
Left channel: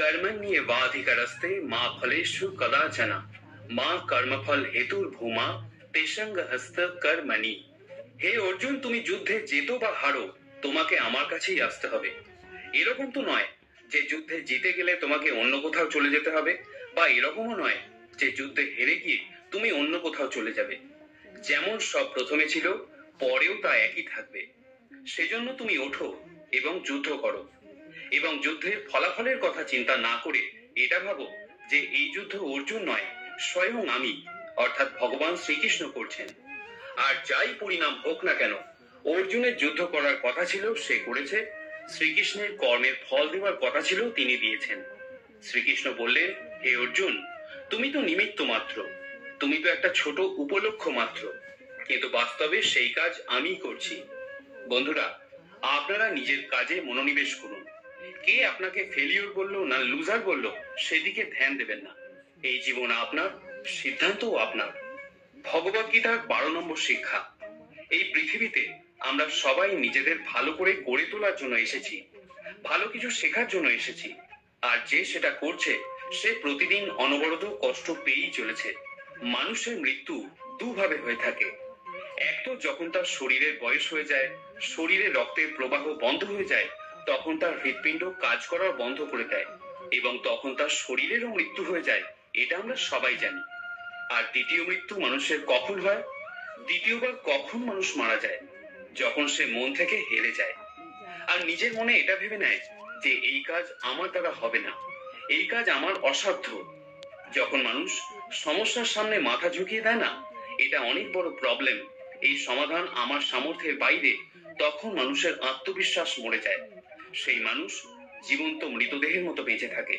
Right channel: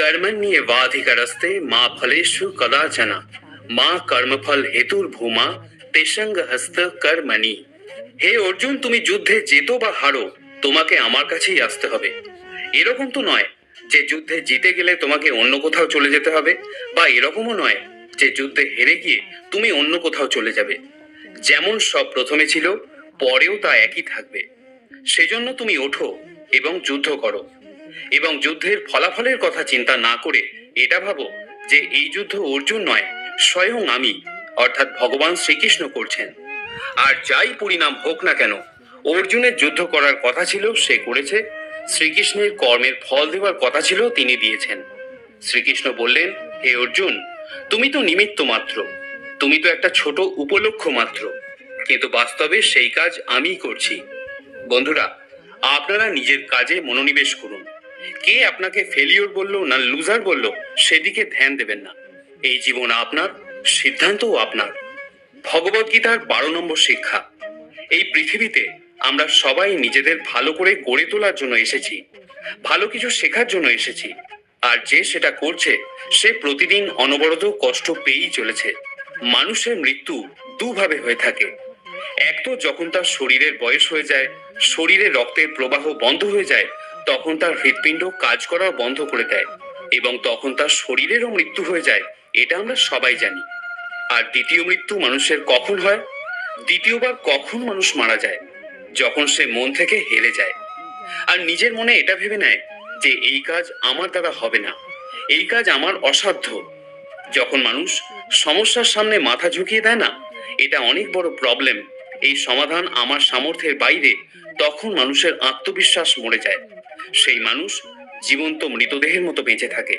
কর্মণ্যেবাধিকারস্তে মা ফলেষু কদাচনা মা কর্মফল হেতুর ভূমা তেসঙ্গ হস্ত কর্মণি। হে অর্জুন, তুমি যুদ্ধে জেতো বা হারো, তোমাকে আমার কাছেই আসতে হবে। এরকম তো নয় যে যুদ্ধে জিতে গেলে তোমাকে অন্য কোথাও চলে যেতে হবে, বা এরকমও নয় যে যুদ্ধে হেরে গিয়ে তুমি অন্য কোথাও চলে যাবে। যেমন সব প্রথমে ছিল, পরেও তা একই থাকবে। সেজন্য তুমি ওঠো এবং যুদ্ধ করো, এবং যুদ্ধের ফলাফলের কথা চিন্তা না করে এটা ভাবো যে এই যুদ্ধ অর্জুন নয়, স্বয়ং আমি অর্থাৎ ভগবান শ্রীকৃষ্ণ করছেন। আর যাই পরিণাম হোক না কেন, অর্জুনের যুদ্ধ করার কথা ছিল, সে করেছে। শ্রীকৃষ্ণের কর্মের ফল দেওয়ার কথা ছিল, তিনি দিয়েছেন। শ্রীকৃষ্ণ বললেন, হে অর্জুন, তুমি তো নিমিত্ত মাত্র, তুমি তো একটা ছোট উপলক্ষ মাত্র, কিন্তু বাস্তবে সেই কাজ আমিই করছি। বন্ধুরা, আপনারা নিজের কাজে মনোনিবেশ করুন। কে আপনাকে ফেলিওর বললো না লুজার বললো সেদিকে ধ্যান দেবেন না। এই জীবন আপনার, সিদ্ধান্তও আপনার। ভগবত গীতার 12 নম্বর শিক্ষা। এই পৃথিবীতে আমরা সবাই নিজেদের ভালো করে গড়ে তোলার জন্য এসেছি, ভালো কিছু শেখার জন্য এসেছি। আর যে সেটা করছে সে প্রতিদিন অনবরত কষ্ট পেয়েই চলেছে। মানুষের মৃত্যু দুভাবে হয়ে থাকে। এক তো যখন তার শরীরের বয়স হয়ে যায়, শরীরে রক্তের প্রবাহ বন্ধ হয়ে যায়, তখন তার হৃৎপিণ্ড কাজ করা বন্ধ করে দেয় এবং তখন তার শরীরেরও মৃত্যু হয়ে যায়। এটা আমরা সবাই জানি। আর দ্বিতীয় মৃত্যু মানুষের কখন হয়? দ্বিতীয়বার কখন মানুষ মারা যায়? যখন সে মন থেকে হেরে যায় আর নিজের মনে এটা ভেবে নেয় যে এই কাজ আমার দ্বারা হবে না, এই কাজ আমার অসাধ্য। যখন মানুষ সমস্যার সামনে মাথা ঝুঁকিয়ে দেয় না, এটা অনেক বড় প্রবলেম, এই সমাধান আমার সামর্থ্যের বাইরে, তখন মানুষের আত্মবিশ্বাস মরে যায়। সেই মানুষ জীবন্ত মৃতদেহের মতো বেঁচে থাকে।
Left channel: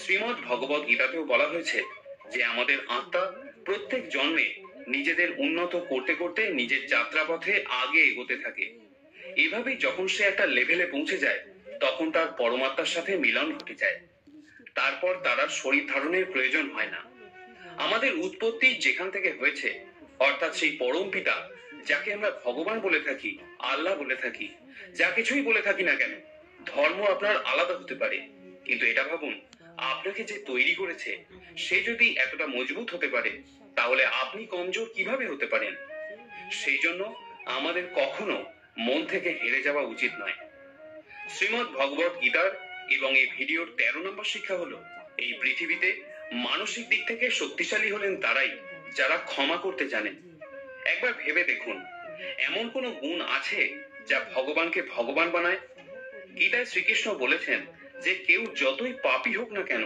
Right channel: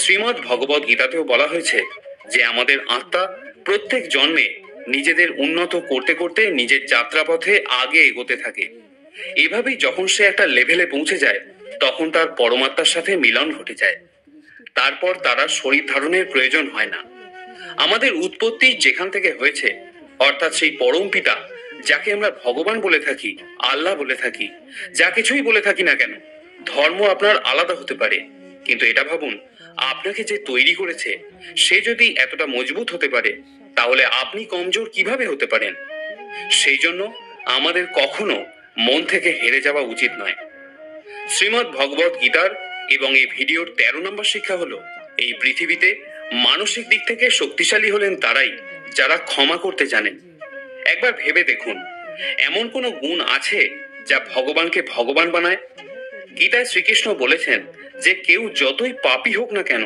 শ্রীমদ্ ভগবদ গীতাতেও বলা হয়েছে যে আমাদের আত্মা প্রত্যেক জন্মে নিজেদের উন্নত করতে করতে নিজের যাত্রাপথে আগে এগোতে থাকে। এভাবেই যখন সে একটা লেভেলে পৌঁছে যায়, তখন তার পরমাত্মার সাথে মিলন ঘটে যায়। তারপর তারা শরীর ধারণের প্রয়োজন হয় না। আমাদের উৎপত্তি যেখান থেকে হয়েছে, অর্থাৎ সেই পরম পিতা, যাকে আমরা ভগবান বলে থাকি, আল্লাহ বলে থাকি, যা কিছুই বলে থাকি না কেন, ধর্ম আপনার আলাদা হতে পারে, কিন্তু এটা ভাবুন, আপনাকে যে তৈরি করেছে সে যদি এতটা মজবুত হতে পারে, তাহলে আপনি কমজোর কিভাবে হতে পারেন? সেই জন্য আমাদের কখনো মন থেকে হেরে যাওয়া উচিত নয়। শ্রীমদ্ ভগবদ গীতার এবং এই ভিডিওর 13 নম্বর শিক্ষা হলো, এই পৃথিবীতে মানসিক দিক থেকে শক্তিশালী হলেন তারাই যারা ক্ষমা করতে জানেন। একবার ভেবে দেখুন, এমন কোনো গুণ আছে যা ভগবানকে ভগবান বানায়? গীতায় শ্রীকৃষ্ণ বলেছেন যে কেউ যতই পাপী হোক না কেন,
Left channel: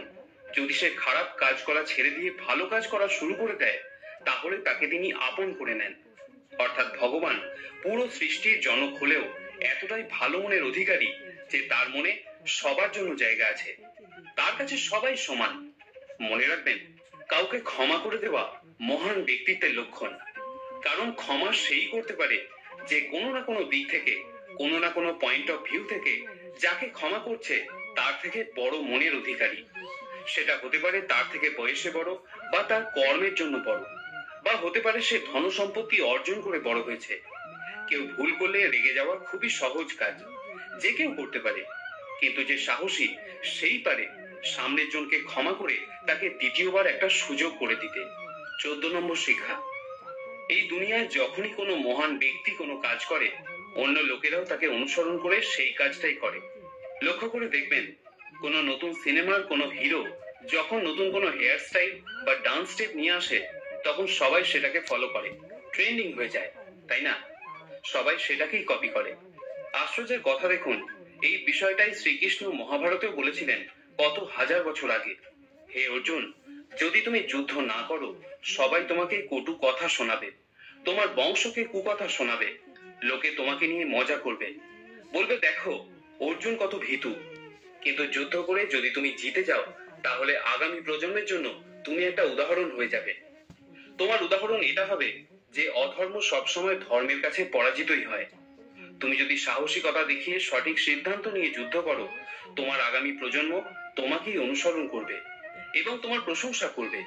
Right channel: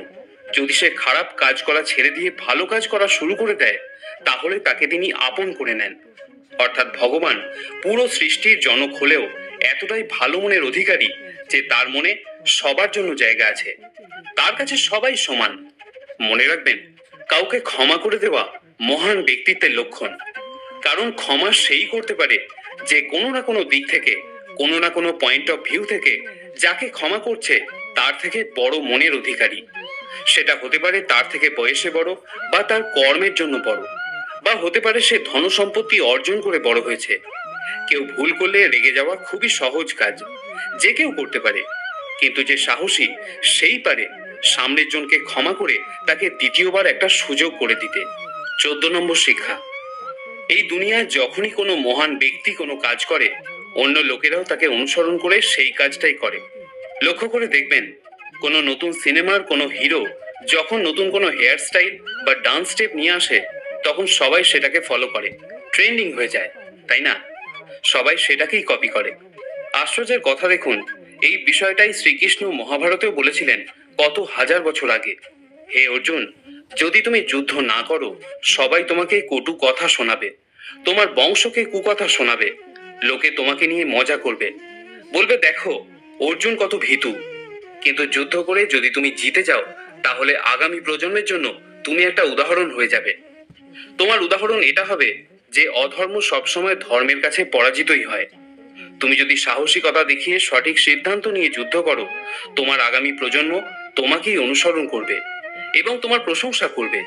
যদি সে খারাপ কাজ করা ছেড়ে দিয়ে ভালো কাজ করা শুরু করে দেয়, তাহলে তাকে তিনি আপন করে নেন। অর্থাৎ ভগবান পুরো সৃষ্টির জনক হলেও এতটাই ভালো মনের অধিকারী যে তার মনে সবার জন্য জায়গা আছে, তার কাছে সবাই সমান। মনে রাখবেন, কাউকে ক্ষমা করে দেওয়া মহান ব্যক্তিত্বের লক্ষণ। কারণ ক্ষমা সেই করতে পারে যে কোনো না কোনো দিক থেকে, কোনো না কোনো পয়েন্ট অফ ভিউ থেকে যাকে ক্ষমা করছে তার থেকে বড় মনের অধিকারী। সেটা হতে পারে তার থেকে বয়সে বড়, বা তার কর্মের জন্য বড়, বা হতে পারে সে ধন সম্পত্তি অর্জন করে বড় হয়েছে। কেউ ভুল করলে রেগে যাওয়া খুবই সহজ কাজ, যে কেউ করতে পারে, কিন্তু যে সাহসী সেই পারে সামনের জনকে ক্ষমা করে তাকে দ্বিতীয়বার একটা সুযোগ করে দিতে। 14 নম্বর শিক্ষা, এই দুনিয়ায় যখনই কোনো মহান ব্যক্তি কোনো কাজ করে, অন্য লোকেরাও তাকে অনুসরণ করে সেই কাজটাই করে। লক্ষ্য করে দেখবেন, কোনো নতুন সিনেমার কোনো হিরো যখন নতুন কোনো হেয়ার স্টাইল বা ডান্স স্টেপ নিয়ে আসে, তখন সবাই সেটাকে ফলো করে, ট্রেন্ডিং হয়ে যায়, তাই না? সবাই সেটাকেই কপি করে। আশ্চর্যের কথা দেখুন, এই বিষয়টাই শ্রীকৃষ্ণ মহাভারতেও বলেছিলেন কত হাজার বছর আগে। হে অর্জুন, যদি তুমি যুদ্ধ না করো, সবাই তোমাকে কটু কথা শোনাবে, তোমার বংশকে কুকথা শোনাবে, লোকে তোমাকে নিয়ে মজা করবে, বলবে দেখো অর্জুন কত ভীতু। কিন্তু যুদ্ধ করে যদি তুমি জিতে যাও, তাহলে আগামী প্রজন্মের জন্য তুমি একটা উদাহরণ হয়ে যাবে। তোমার উদাহরণ এটা হবে যে অধর্ম সবসময় ধর্মের কাছে পরাজিতই হয়। তুমি যদি সাহসিকতা দেখিয়ে সঠিক সিদ্ধান্ত নিয়ে যুদ্ধ করো, তোমার আগামী প্রজন্ম তোমাকেই অনুসরণ করবে এবং তোমার প্রশংসা করবে।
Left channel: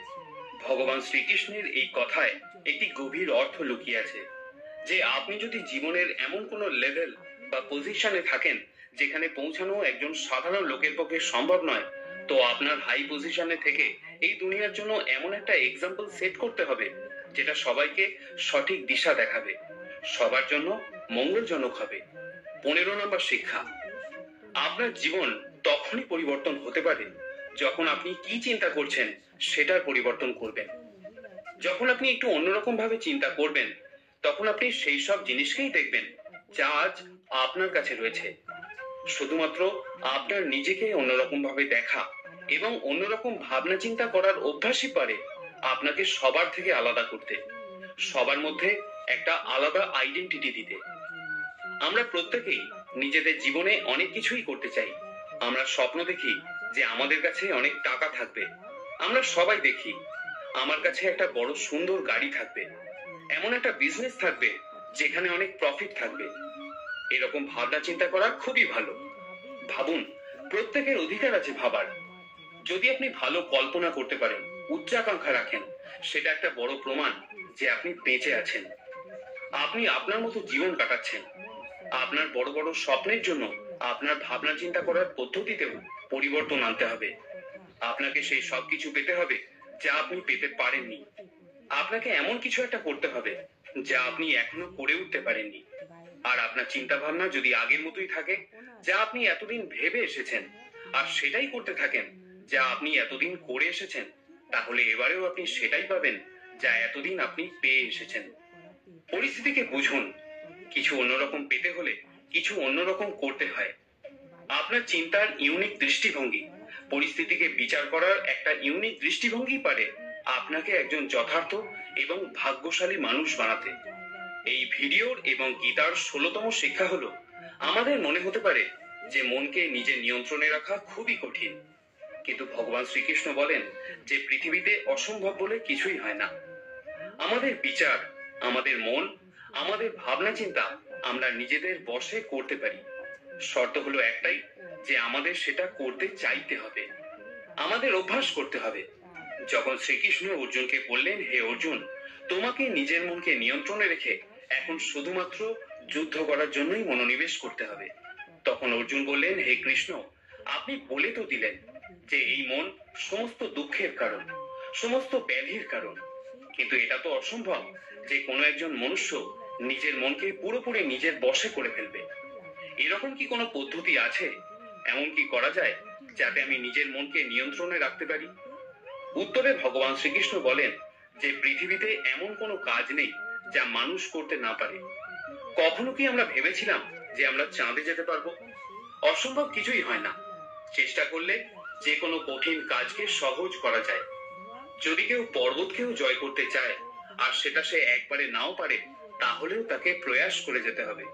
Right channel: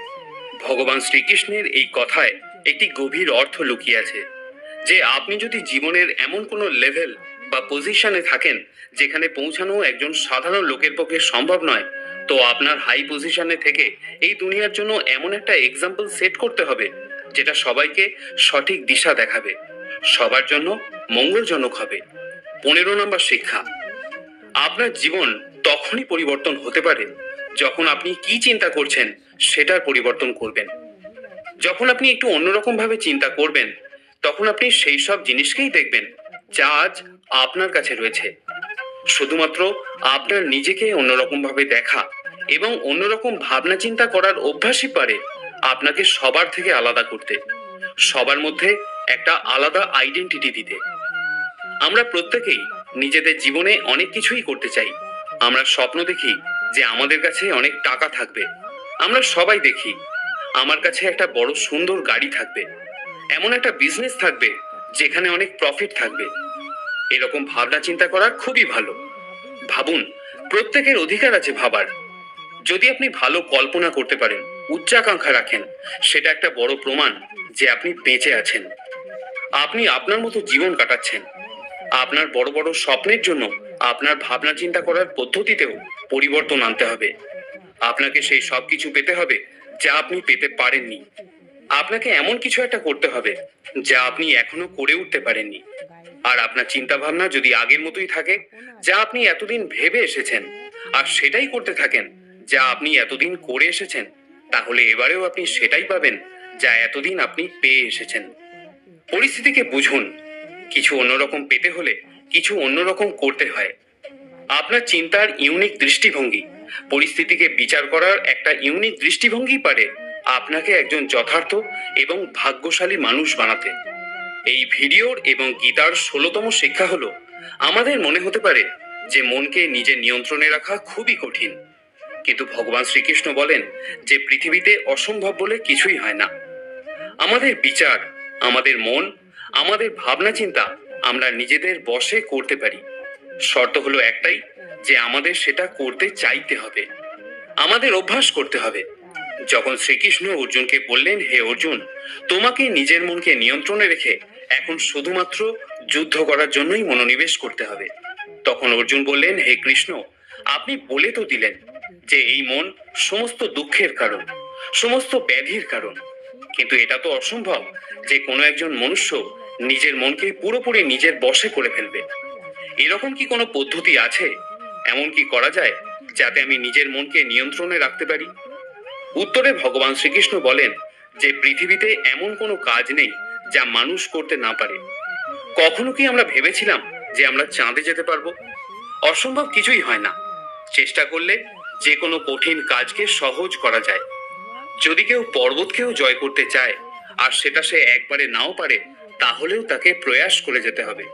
ভগবান শ্রীকৃষ্ণের এই কথায় একটি গভীর অর্থ লুকিয়ে আছে, যে আপনি যদি জীবনের এমন কোনো লেভেল বা পজিশনে থাকেন যেখানে পৌঁছানো একজন সাধারণ লোকের পক্ষে সম্ভব নয়, তো আপনার হাই পজিশনে থেকে এই দুনিয়ার জন্য এমন একটা এক্সাম্পল সেট করতে হবে যেটা সবাইকে সঠিক দিশা দেখাবে, সবার জন্য মঙ্গলজনক হবে। 15 নম্বর শিক্ষা, আপনার জীবন তখনই পরিবর্তন হতে পারে যখন আপনি কি চিন্তা করছেন সেটার পরিবর্তন করবেন। যখন আপনি একটু অন্যরকম ভাবে চিন্তা করবেন, তখন আপনি সেই সব জিনিসকেই দেখবেন যা আজ আপনার কাছে রয়েছে। শুধুমাত্র আপনার নিজেকে অন্যরকম ভাবে দেখা এবং অন্যরকম ভাবনা চিন্তা করার অভ্যাসই পারে আপনাকে সবার থেকে আলাদা করতে, সবার মধ্যে একটা আলাদা আইডেন্টিটি দিতে। আমরা প্রত্যেকেই নিজেদের জীবনে অনেক কিছুই করতে চাই। আমরা স্বপ্ন দেখি যে আমাদের কাছে অনেক টাকা থাকবে। আমরা সবাই দেখি আমার কাছে একটা বড় সুন্দর গাড়ি থাকবে, এমন একটা বিজনেস থাকবে যেখানে অনেক প্রফিট থাকবে। এরকম ভাবনা চিন্তা করা খুবই ভালো। ভাবুন, প্রত্যেকের অধিকার আছে ভাবার। যদি আপনি ভালো কল্পনা করতে পারেন, উচ্চাকাঙ্ক্ষা রাখেন, সেটা একটা বড় প্রমাণ যে আপনি বেঁচে আছেন, আপনি আপনার মতো জীবন কাটাচ্ছেন। আপনার বড় বড় স্বপ্নের জন্য আপনার ভাবনা চিন্তা করার পদ্ধতিতেও পরিবর্তন আনতে হবে। আপনাকে সেই সব কিছু পেতে হবে যা আপনি পেতে পারেননি। আপনাকে এমন কিছু একটা করতে হবে যা আপনি এখনো করে উঠতে পারেননি। আর আপনার চিন্তা ভাবনা যদি আগের মতোই থাকে, যা আপনি এতদিন ভেবে এসেছেন, আর সেটাই করতে থাকেন যা আপনি এতদিন করে এসেছেন, তাহলে এবারেও আপনি সেটাই পাবেন যা এতদিন আপনি পেয়ে এসেছেন। পরিস্থিতিকে বুঝুন। কিছু অন্যরকম পেতে হলে কিছু অন্যরকম করতে হয়। আপনার চিন্তার ইউনিক দৃষ্টিভঙ্গি, পরিস্থিতিকে বিচার করার একটা ইউনিক দৃষ্টিভঙ্গি পারে আপনাকে একজন যথার্থ এবং ভাগ্যশালী মানুষ বানাতে। এই ভিডিওর এবং গীতার 16তম শিক্ষা হলো, আমাদের মনে হতে পারে যে মনকে নিজের নিয়ন্ত্রণে রাখা খুবই কঠিন, কিন্তু ভগবান শ্রীকৃষ্ণ বলেন যে পৃথিবীতে অসম্ভব বলে কিছুই হয় না। আমাদের বিচার, আমাদের মন, আমাদের ভাবনা চিন্তা আমরা নিজেদের বশে করতে পারি। শর্ত হলো একটাই, যে আমাদের সেটা করতে চাইতে হবে, আমাদের অভ্যাস করতে হবে। যখন শ্রীকৃষ্ণ অর্জুনকে বললেন, হে অর্জুন, তোমাকে নিজের মনকে নিয়ন্ত্রণে রেখে এখন শুধুমাত্র যুদ্ধ করার জন্যই মনোনিবেশ করতে হবে, তখন অর্জুন বললেন, হে কৃষ্ণ, আপনি বলে তো দিলেন যে এই মন সমস্ত দুঃখের কারণ, সমস্ত ব্যাধির কারণ, কিন্তু এটা তো অসম্ভব যে কোনো একজন মনুষ্য নিজের মনকে পুরোপুরি নিজের বশে করে ফেলবে। এরকম কি কোনো পদ্ধতি আছে, এমন কি করা যায় যাতে আমি নিজের মনকে নিয়ন্ত্রণে রাখতে পারি? উত্তরে ভগবান শ্রীকৃষ্ণ বলেন যে পৃথিবীতে এমন কোনো কাজ নেই যা মানুষ করতে না পারে। কখনো কি আমরা ভেবেছিলাম যে আমরা চাঁদে যেতে পারবো? অসম্ভব কিছুই হয় না। চেষ্টা করলে যে কোনো কঠিন কাজকে সহজ করা যায়। যদি কেউ পর্বতকেও জয় করতে চায় আর সেটা সে একবারে নাও পারে, তাহলেও তাকে প্রয়াস করে যেতে হবে।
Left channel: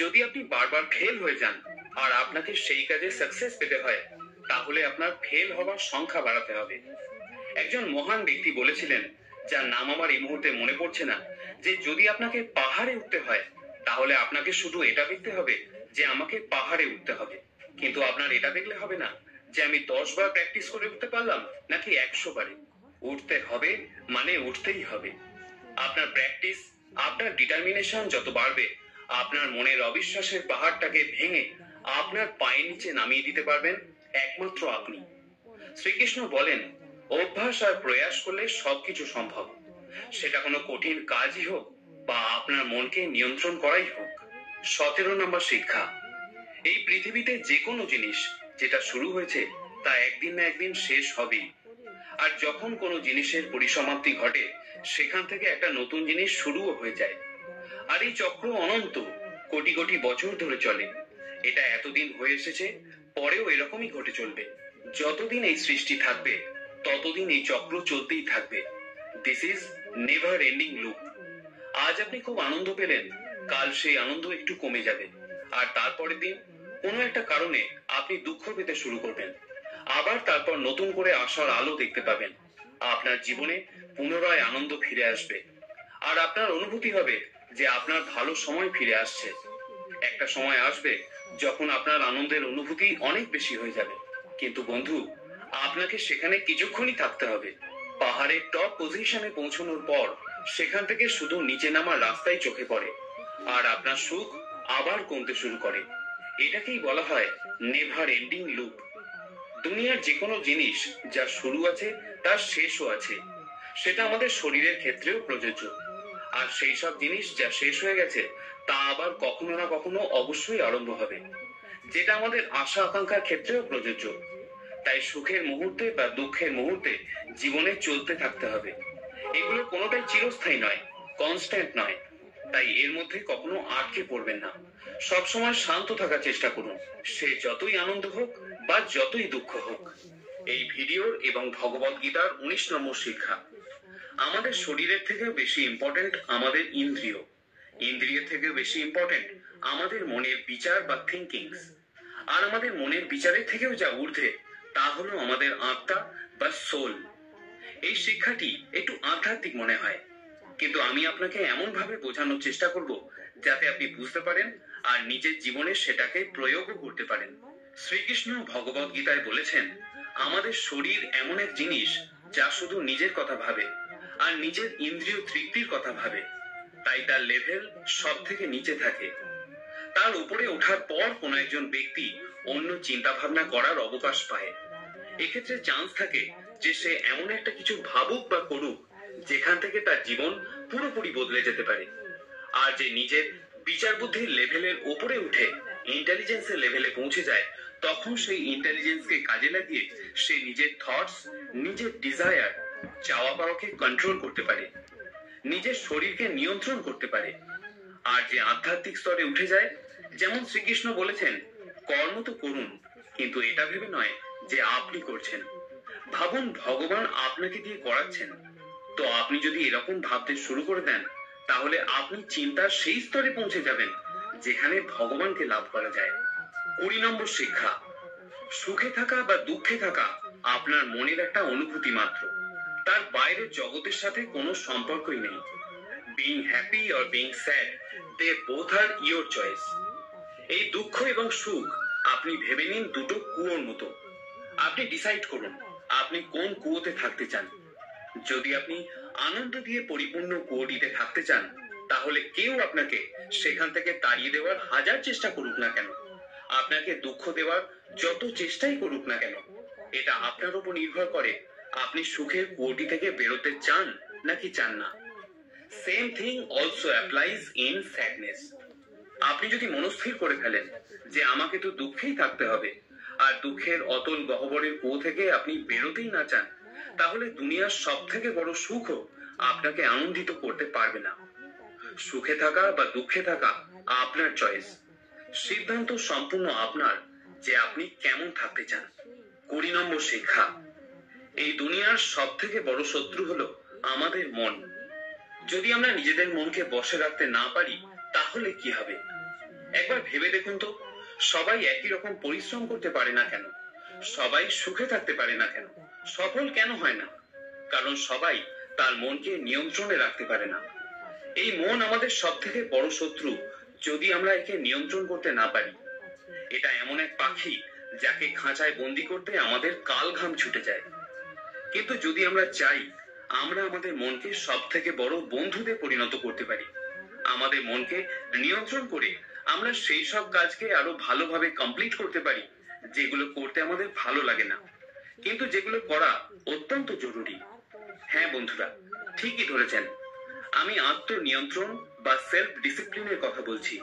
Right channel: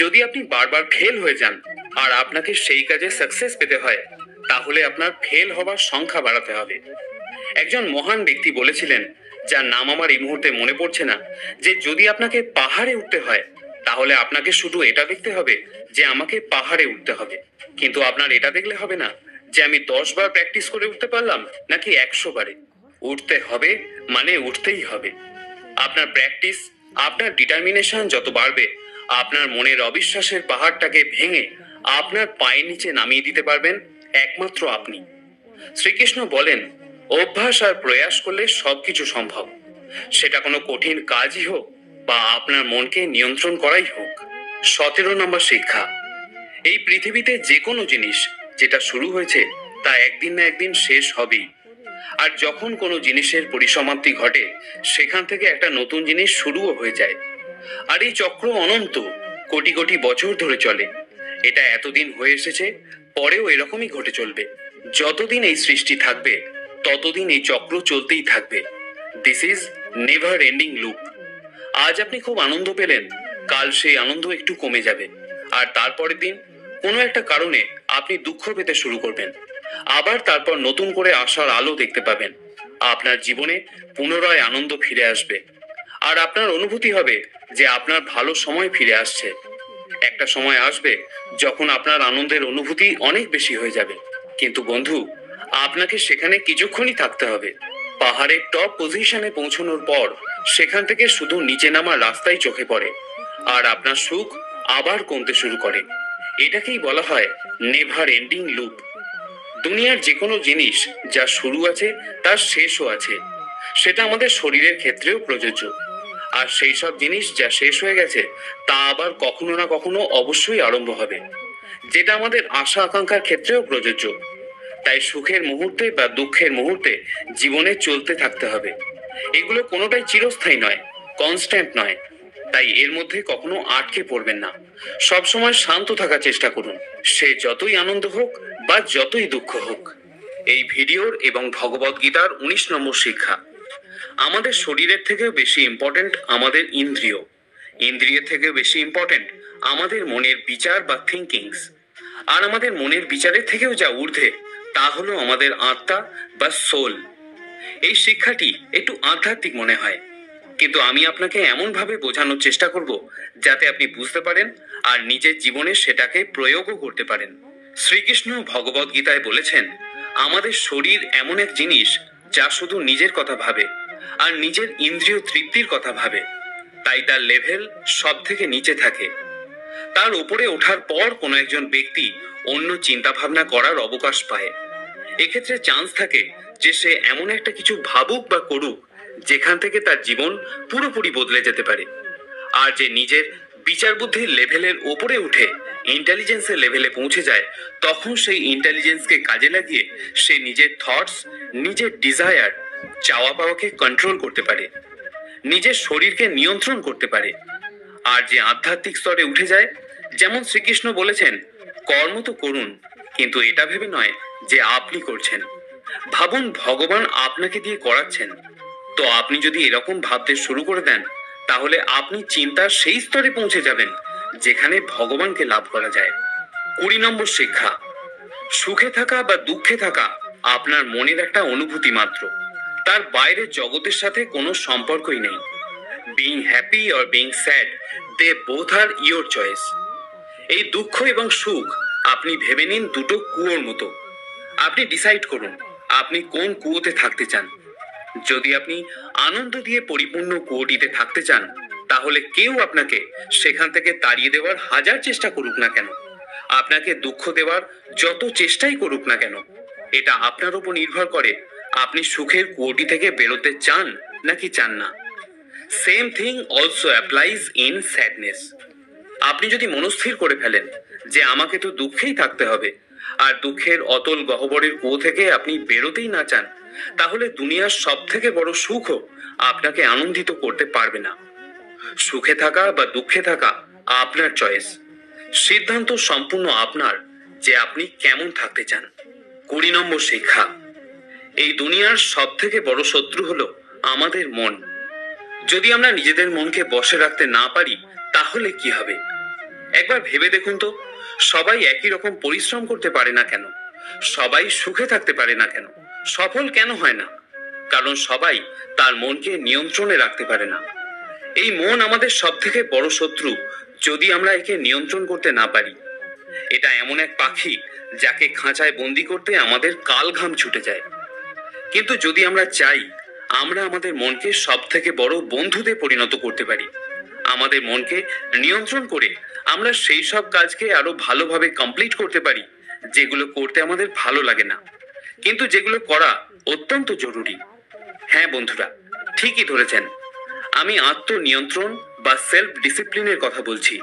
যদি আপনি বারবার ফেল হয়ে যান আর আপনাকে সেই কাজে সাকসেস পেতে হয়, তাহলে আপনার ফেল হবার সংখ্যা বাড়াতে হবে। একজন মহান ব্যক্তি বলেছিলেন, যার নাম আমার এই মুহূর্তে মনে পড়ছে না, যে যদি আপনাকে পাহাড়ে উঠতে হয়, তাহলে আপনাকে শুধু এটা দেখতে হবে যে আমাকে পাহাড়ে উঠতে হবে, কিন্তু আপনার এটা দেখলে হবে না যে আমি 10 বার প্র্যাকটিস করে উঠতে পারলাম নাকি 100 বারে। উঠতে হবে মানে উঠতেই হবে। আপনার প্র্যাকটিস, আপনার ডিটারমিনেশন যত বাড়বে, আপনার মনের অবিশ্বাসের পাহাড়টাকে ভেঙে আপনার পায়ের নিচে নামিয়ে দিতে পারবেন একমাত্র আপনি। শ্রীকৃষ্ণ বলেন, অভ্যাস আর প্রয়াস করলে সবকিছু সম্ভব। সেটা কোনো কঠিন কাজই হোক বা আপনার মনকে নিয়ন্ত্রণ করাই হোক। 17 নম্বর শিক্ষা, এই পৃথিবীতে যে কোনো জিনিস যেটা শুরু হয়েছে তা একদিন না একদিন শেষ হবেই। আর যখন কোনো জিনিসের পরিসমাপ্তি ঘটে, সেখান থেকে একটা নতুন জিনিস শুরুও হয়ে যায়। আর এই চক্র অনন্ত, কোটি কোটি বছর ধরে চলে। এটা এতদিন হয়ে এসেছে, পরেও এরকমই ঘটে চলবে। যতদিন এই সৃষ্টি থাকবে, ততদিন এই চক্র চলতেই থাকবে। This is never ending loop. আজ আপনি খুব আনন্দ পেলেন, কাল সেই আনন্দ একটু কমে যাবে, আর তারপরের দিন কোনো একটা কারণে আপনি দুঃখ পেতে শুরু করবেন। আবার তারপর নতুন করে আশার আলো দেখতে পাবেন। আপনার জীবনে পুনরায় আনন্দ ফিরে আসবে, আর আপনার অনুভূতি হবে যে আপনার ভালো সময় ফিরে আসছে। একটা সময় আসবে যখন আপনার আনন্দের অনুভূতি অনেক বেশি হয়ে যাবে, কিন্তু বন্ধু, আপনাকে সেখানে কিছুক্ষণই থাকতে হবে। পাহাড়ের টপ পজিশনে পৌঁছানোর পর সেখান থেকে শুধু নিচে নামার রাস্তাই চোখে পড়ে, আর আপনার সুখ আবার কমতে শুরু করে। এটাকেই বলা হয় নেভার এন্ডিং লুপ। দুনিয়ার যে কোনো জিনিস যা শুরু আছে তার শেষও আছে। সেটা আমাদের শরীরের ক্ষেত্রেও প্রযোজ্য। আর সেই সব জিনিস যা শেষ হয়ে গেছে, তা আবার কখনো না কখনো অবশ্যই আরম্ভ হবে, যেটা আমাদের আশা আকাঙ্ক্ষার ক্ষেত্রেও প্রযোজ্য। তাই সুখের মুহূর্তে বা দুঃখের মুহূর্তে জীবনে চলতে থাকতে হবে। এগুলো কোনোটাই চিরস্থায়ী নয়, কনস্ট্যান্ট নয়। তাই এর মধ্যে কখনো আটকে পড়বেন না। সবসময় শান্ত থাকার চেষ্টা করুন, সে যতই আনন্দ হোক বা যতই দুঃখ হোক। এই ভিডিওর এবং ভগবদ গীতার 19 নম্বর শিক্ষা, আমাদের শরীরের থেকেও বেশি ইম্পর্টেন্ট আমাদের ইন্দ্রিয়, ইন্দ্রিয়ের থেকেও বেশি ইম্পর্টেন্ট আমাদের মনের বিচার বা থিঙ্কিংস। আর আমাদের মনের বিচারের থেকেও যা ঊর্ধ্বে, তা হলো আমাদের আত্মা বা সোল। এই শিক্ষাটি একটু আধ্যাত্মিক মনে হয়, কিন্তু আমি আপনাকে এমন ভাবে বোঝানোর চেষ্টা করব যাতে আপনি বুঝতে পারেন আর নিজের জীবনে সেটাকে প্রয়োগও করতে পারেন। শ্রীকৃষ্ণ ভগবদ গীতায় বলেছেন, আমাদের শরীর এমন এক জিনিস যা শুধু নিজের কথা ভাবে আর নিজের ইন্দ্রিয় তৃপ্তির কথা ভাবে, তাই তার লেভেল সব থেকে নিচে থাকে। তার উপরে ওঠার পর কোনো একজন ব্যক্তি অন্য চিন্তা ভাবনা করার অবকাশ পায়। এক্ষেত্রে চান্স থাকে যে সে এমন একটা কিছু ভাবুক বা করুক যেখান থেকে তার জীবন পুরোপুরি বদলে যেতে পারে। আর যে নিজের বিচার বুদ্ধির লেভেলের ওপরে উঠে ইন্টেলিজেন্সের লেভেলে পৌঁছে যায়, তখন সেই ইন্টেলিজেন্সকে কাজে লাগিয়ে সে নিজের থটস, নিজের ডিজায়ার, চাওয়া পাওয়াকে কন্ট্রোল করতে পারে, নিজের শরীরকে নিয়ন্ত্রণ করতে পারে। আর যে আধ্যাত্মিক স্তরে উঠে যায়, যেমন শ্রীকৃষ্ণ বলেছেন, কর্ম তো করুন, কিন্তু এটা ভেবে নয় যে আপনি করছেন। ভাবুন ভগবান আপনাকে দিয়ে করাচ্ছেন। তো আপনি যদি এরকম ভাবতে শুরু করে দেন, তাহলে আপনি চিন্তার সেই স্তরে পৌঁছে যাবেন যেখানে ভগবানকে লাভ করা যায়। 20 নম্বর শিক্ষা, সুখে থাকা বা দুঃখে থাকা আপনার মনের একটা অনুভূতি মাত্র, তার বাইরে জগতের সাথে কোনো সম্পর্কই নেই। Being happy or being sad, they both are your choice. এই দুঃখ এবং সুখ আপনি ভেবে নিন দুটো কুয়োর মতো। আপনি ডিসাইড করুন আপনি কোন কুয়োতে থাকতে চান। যদি আপনি আনন্দ দিয়ে পরিপূর্ণ কুয়োটিতে থাকতে চান, তাহলে কেউ আপনাকে সেখান থেকে তাড়িয়ে দেওয়ার হাজার চেষ্টা করুক না কেন, আপনাকে দুঃখ দেওয়ার যত চেষ্টাই করুক না কেন, এটা আপনার উপর নির্ভর করে আপনি সুখের কুয়োটি থেকে বেরোতে চান নাকি চান না। Same thing also applies in sadness. আপনি যদি মনস্থির করে ফেলেন যে আমাকে তো দুঃখেই থাকতে হবে, আর দুঃখের অতল গহ্বরের কুয়ো থেকে আপনি বেরোতেই না চান, তাহলে দুনিয়ার সব থেকে বড় সুখও আপনাকে আনন্দিত করতে পারবে না। সুখে থাকা বা দুঃখে থাকা আপনার চয়েস। সিদ্ধান্ত সম্পূর্ণ আপনার যে আপনি কেমন থাকতে চান। 20 নম্বর শিক্ষা, এই দুনিয়ার সব থেকে বড় শত্রু হলো আমাদের মন। যদি আমরা নিজেদের মনকে বশে রাখতে না পারি, তাহলে কি হবে? একবার ভেবে দেখুন তো, সবাই একই রকম পরিশ্রম করতে পারে না কেন? সবাই সুখে থাকতে পারে না কেন? সফল কেন হয় না? কারণ সবাই তার মনকে নিয়ন্ত্রণে রাখতে পারে না। এই মন আমাদের সব থেকে বড় শত্রু, যদি আমরা একে নিয়ন্ত্রণ করতে না পারি। এটা এমন এক পাখি যাকে খাঁচায় বন্দি করতে আমাদের কাল ঘাম ছুটে যায়। কিন্তু যদি আমরা চাই, আমরা আমাদের মনকে সব থেকে বড় বন্ধুতে পরিণত করতে পারি। আমাদের মনকে নিয়ন্ত্রণ করে আমরা সেই সব কাজকে আরো ভালোভাবে কমপ্লিট করতে পারি যেগুলো করতে আমাদের ভালো লাগে না, কিন্তু যেগুলো করা অত্যন্ত জরুরি। হ্যাঁ বন্ধুরা, ঠিকই ধরেছেন, আমি আত্মনিয়ন্ত্রণ বা সেলফ ডিসিপ্লিনের কথা বলছি।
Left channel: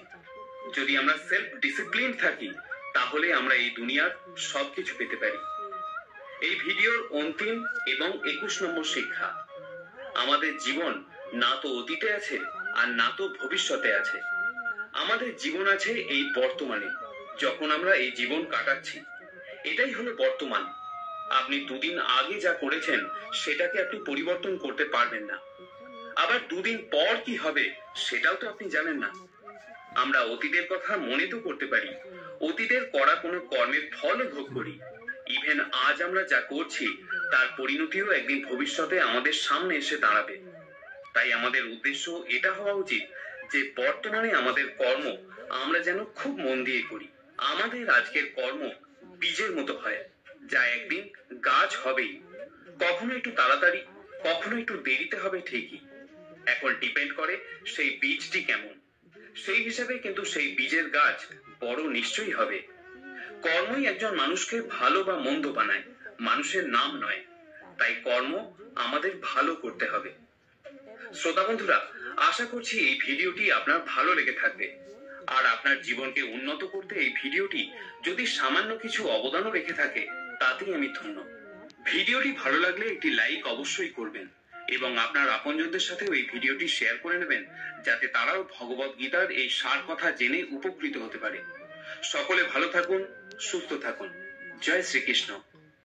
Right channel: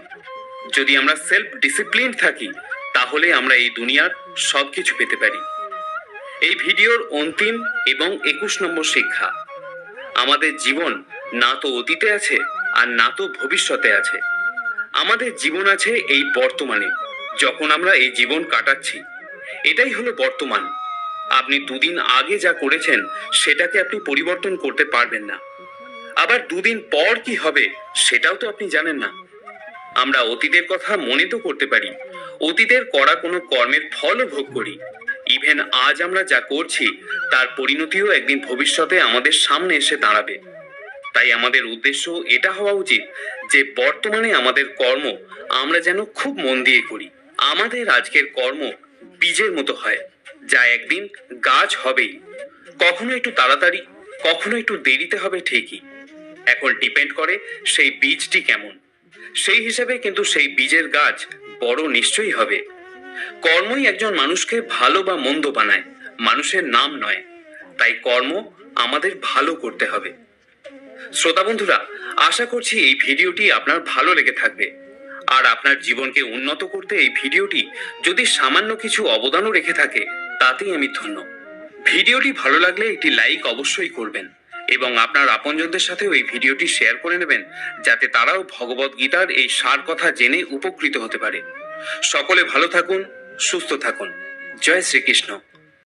যদি আমরা সেলফ ডিসিপ্লিন থাকি, তাহলে আমরা এই দুনিয়ার সবকিছু পেতে পারি। এই ভিডিওর অন্তিম এবং 21 নম্বর শিক্ষা, আমাদের জীবন না তো অতীতে আছে আর না তো ভবিষ্যতে আছে। আমাদের জীবন আছে এই বর্তমানে, যখন আমরা এই জীবন কাটাচ্ছি। এটাই হলো বর্তমান। আপনি 2 দিন আগে যা করেছেন সেটাকে আপনি পরিবর্তন করতে পারবেন না। আবার 2 দিন পর কি হবে সেটাও তো আপনি জানেন না। আমরা অতীতের কথা মনে তো করতে পারি, অতীতের করা কোনো কর্মের ফলও ভোগ করি। ইভেন আজ আমরা যা করছি তার পরিণতিও একদিন ভবিষ্যতে আমাদের সামনে এসে দাঁড়াবে। তাই আমাদের উদ্দেশ্য এটা হওয়া উচিত যে বর্তমানে আমাদের কর্ম আমরা যেন খুব মন দিয়ে করি। আমাদের আজকের কর্ম বীজের মতো হয়, যা একদিন গাছ হবেই। কখনো একটু তাড়াতাড়ি, কখনো একটু দেরিতে হবে ঠিকই। এখন ডিপেন্ড করে সেই বীজটি কেমন, সেই হিসাবে কিন্তু সেই বীজের গাছ বড় নিশ্চয়ই হবে। কর্মই একজন মানুষকে ভালো বা মন্দ বানায়, মানুষের নাম নয়। তাই কর্ম আমাদের ভালো করতে হবে। শ্রোতা বন্ধুরা, আশা করছি এই ভিডিওটি আপনার ভালো লেগে থাকবে। আর আপনার জীবনকে উন্নত করতে এই ভিডিওটি যদি সামান্য কিছু অবদানও রেখে থাকে, তাতেই আমি ধন্য। ভিডিওটি ভালো লাগলে একটি লাইক অবশ্যই করবেন এবং আপনার আপনজনদের সাথেও এই ভিডিওটি শেয়ার করে নেবেন, যাতে তারাও ভগবদ গীতার এই সার কথা জেনে উপকৃত হতে পারে। সকলে ভালো থাকুন, সুস্থ থাকুন। জয় শ্রীকৃষ্ণ।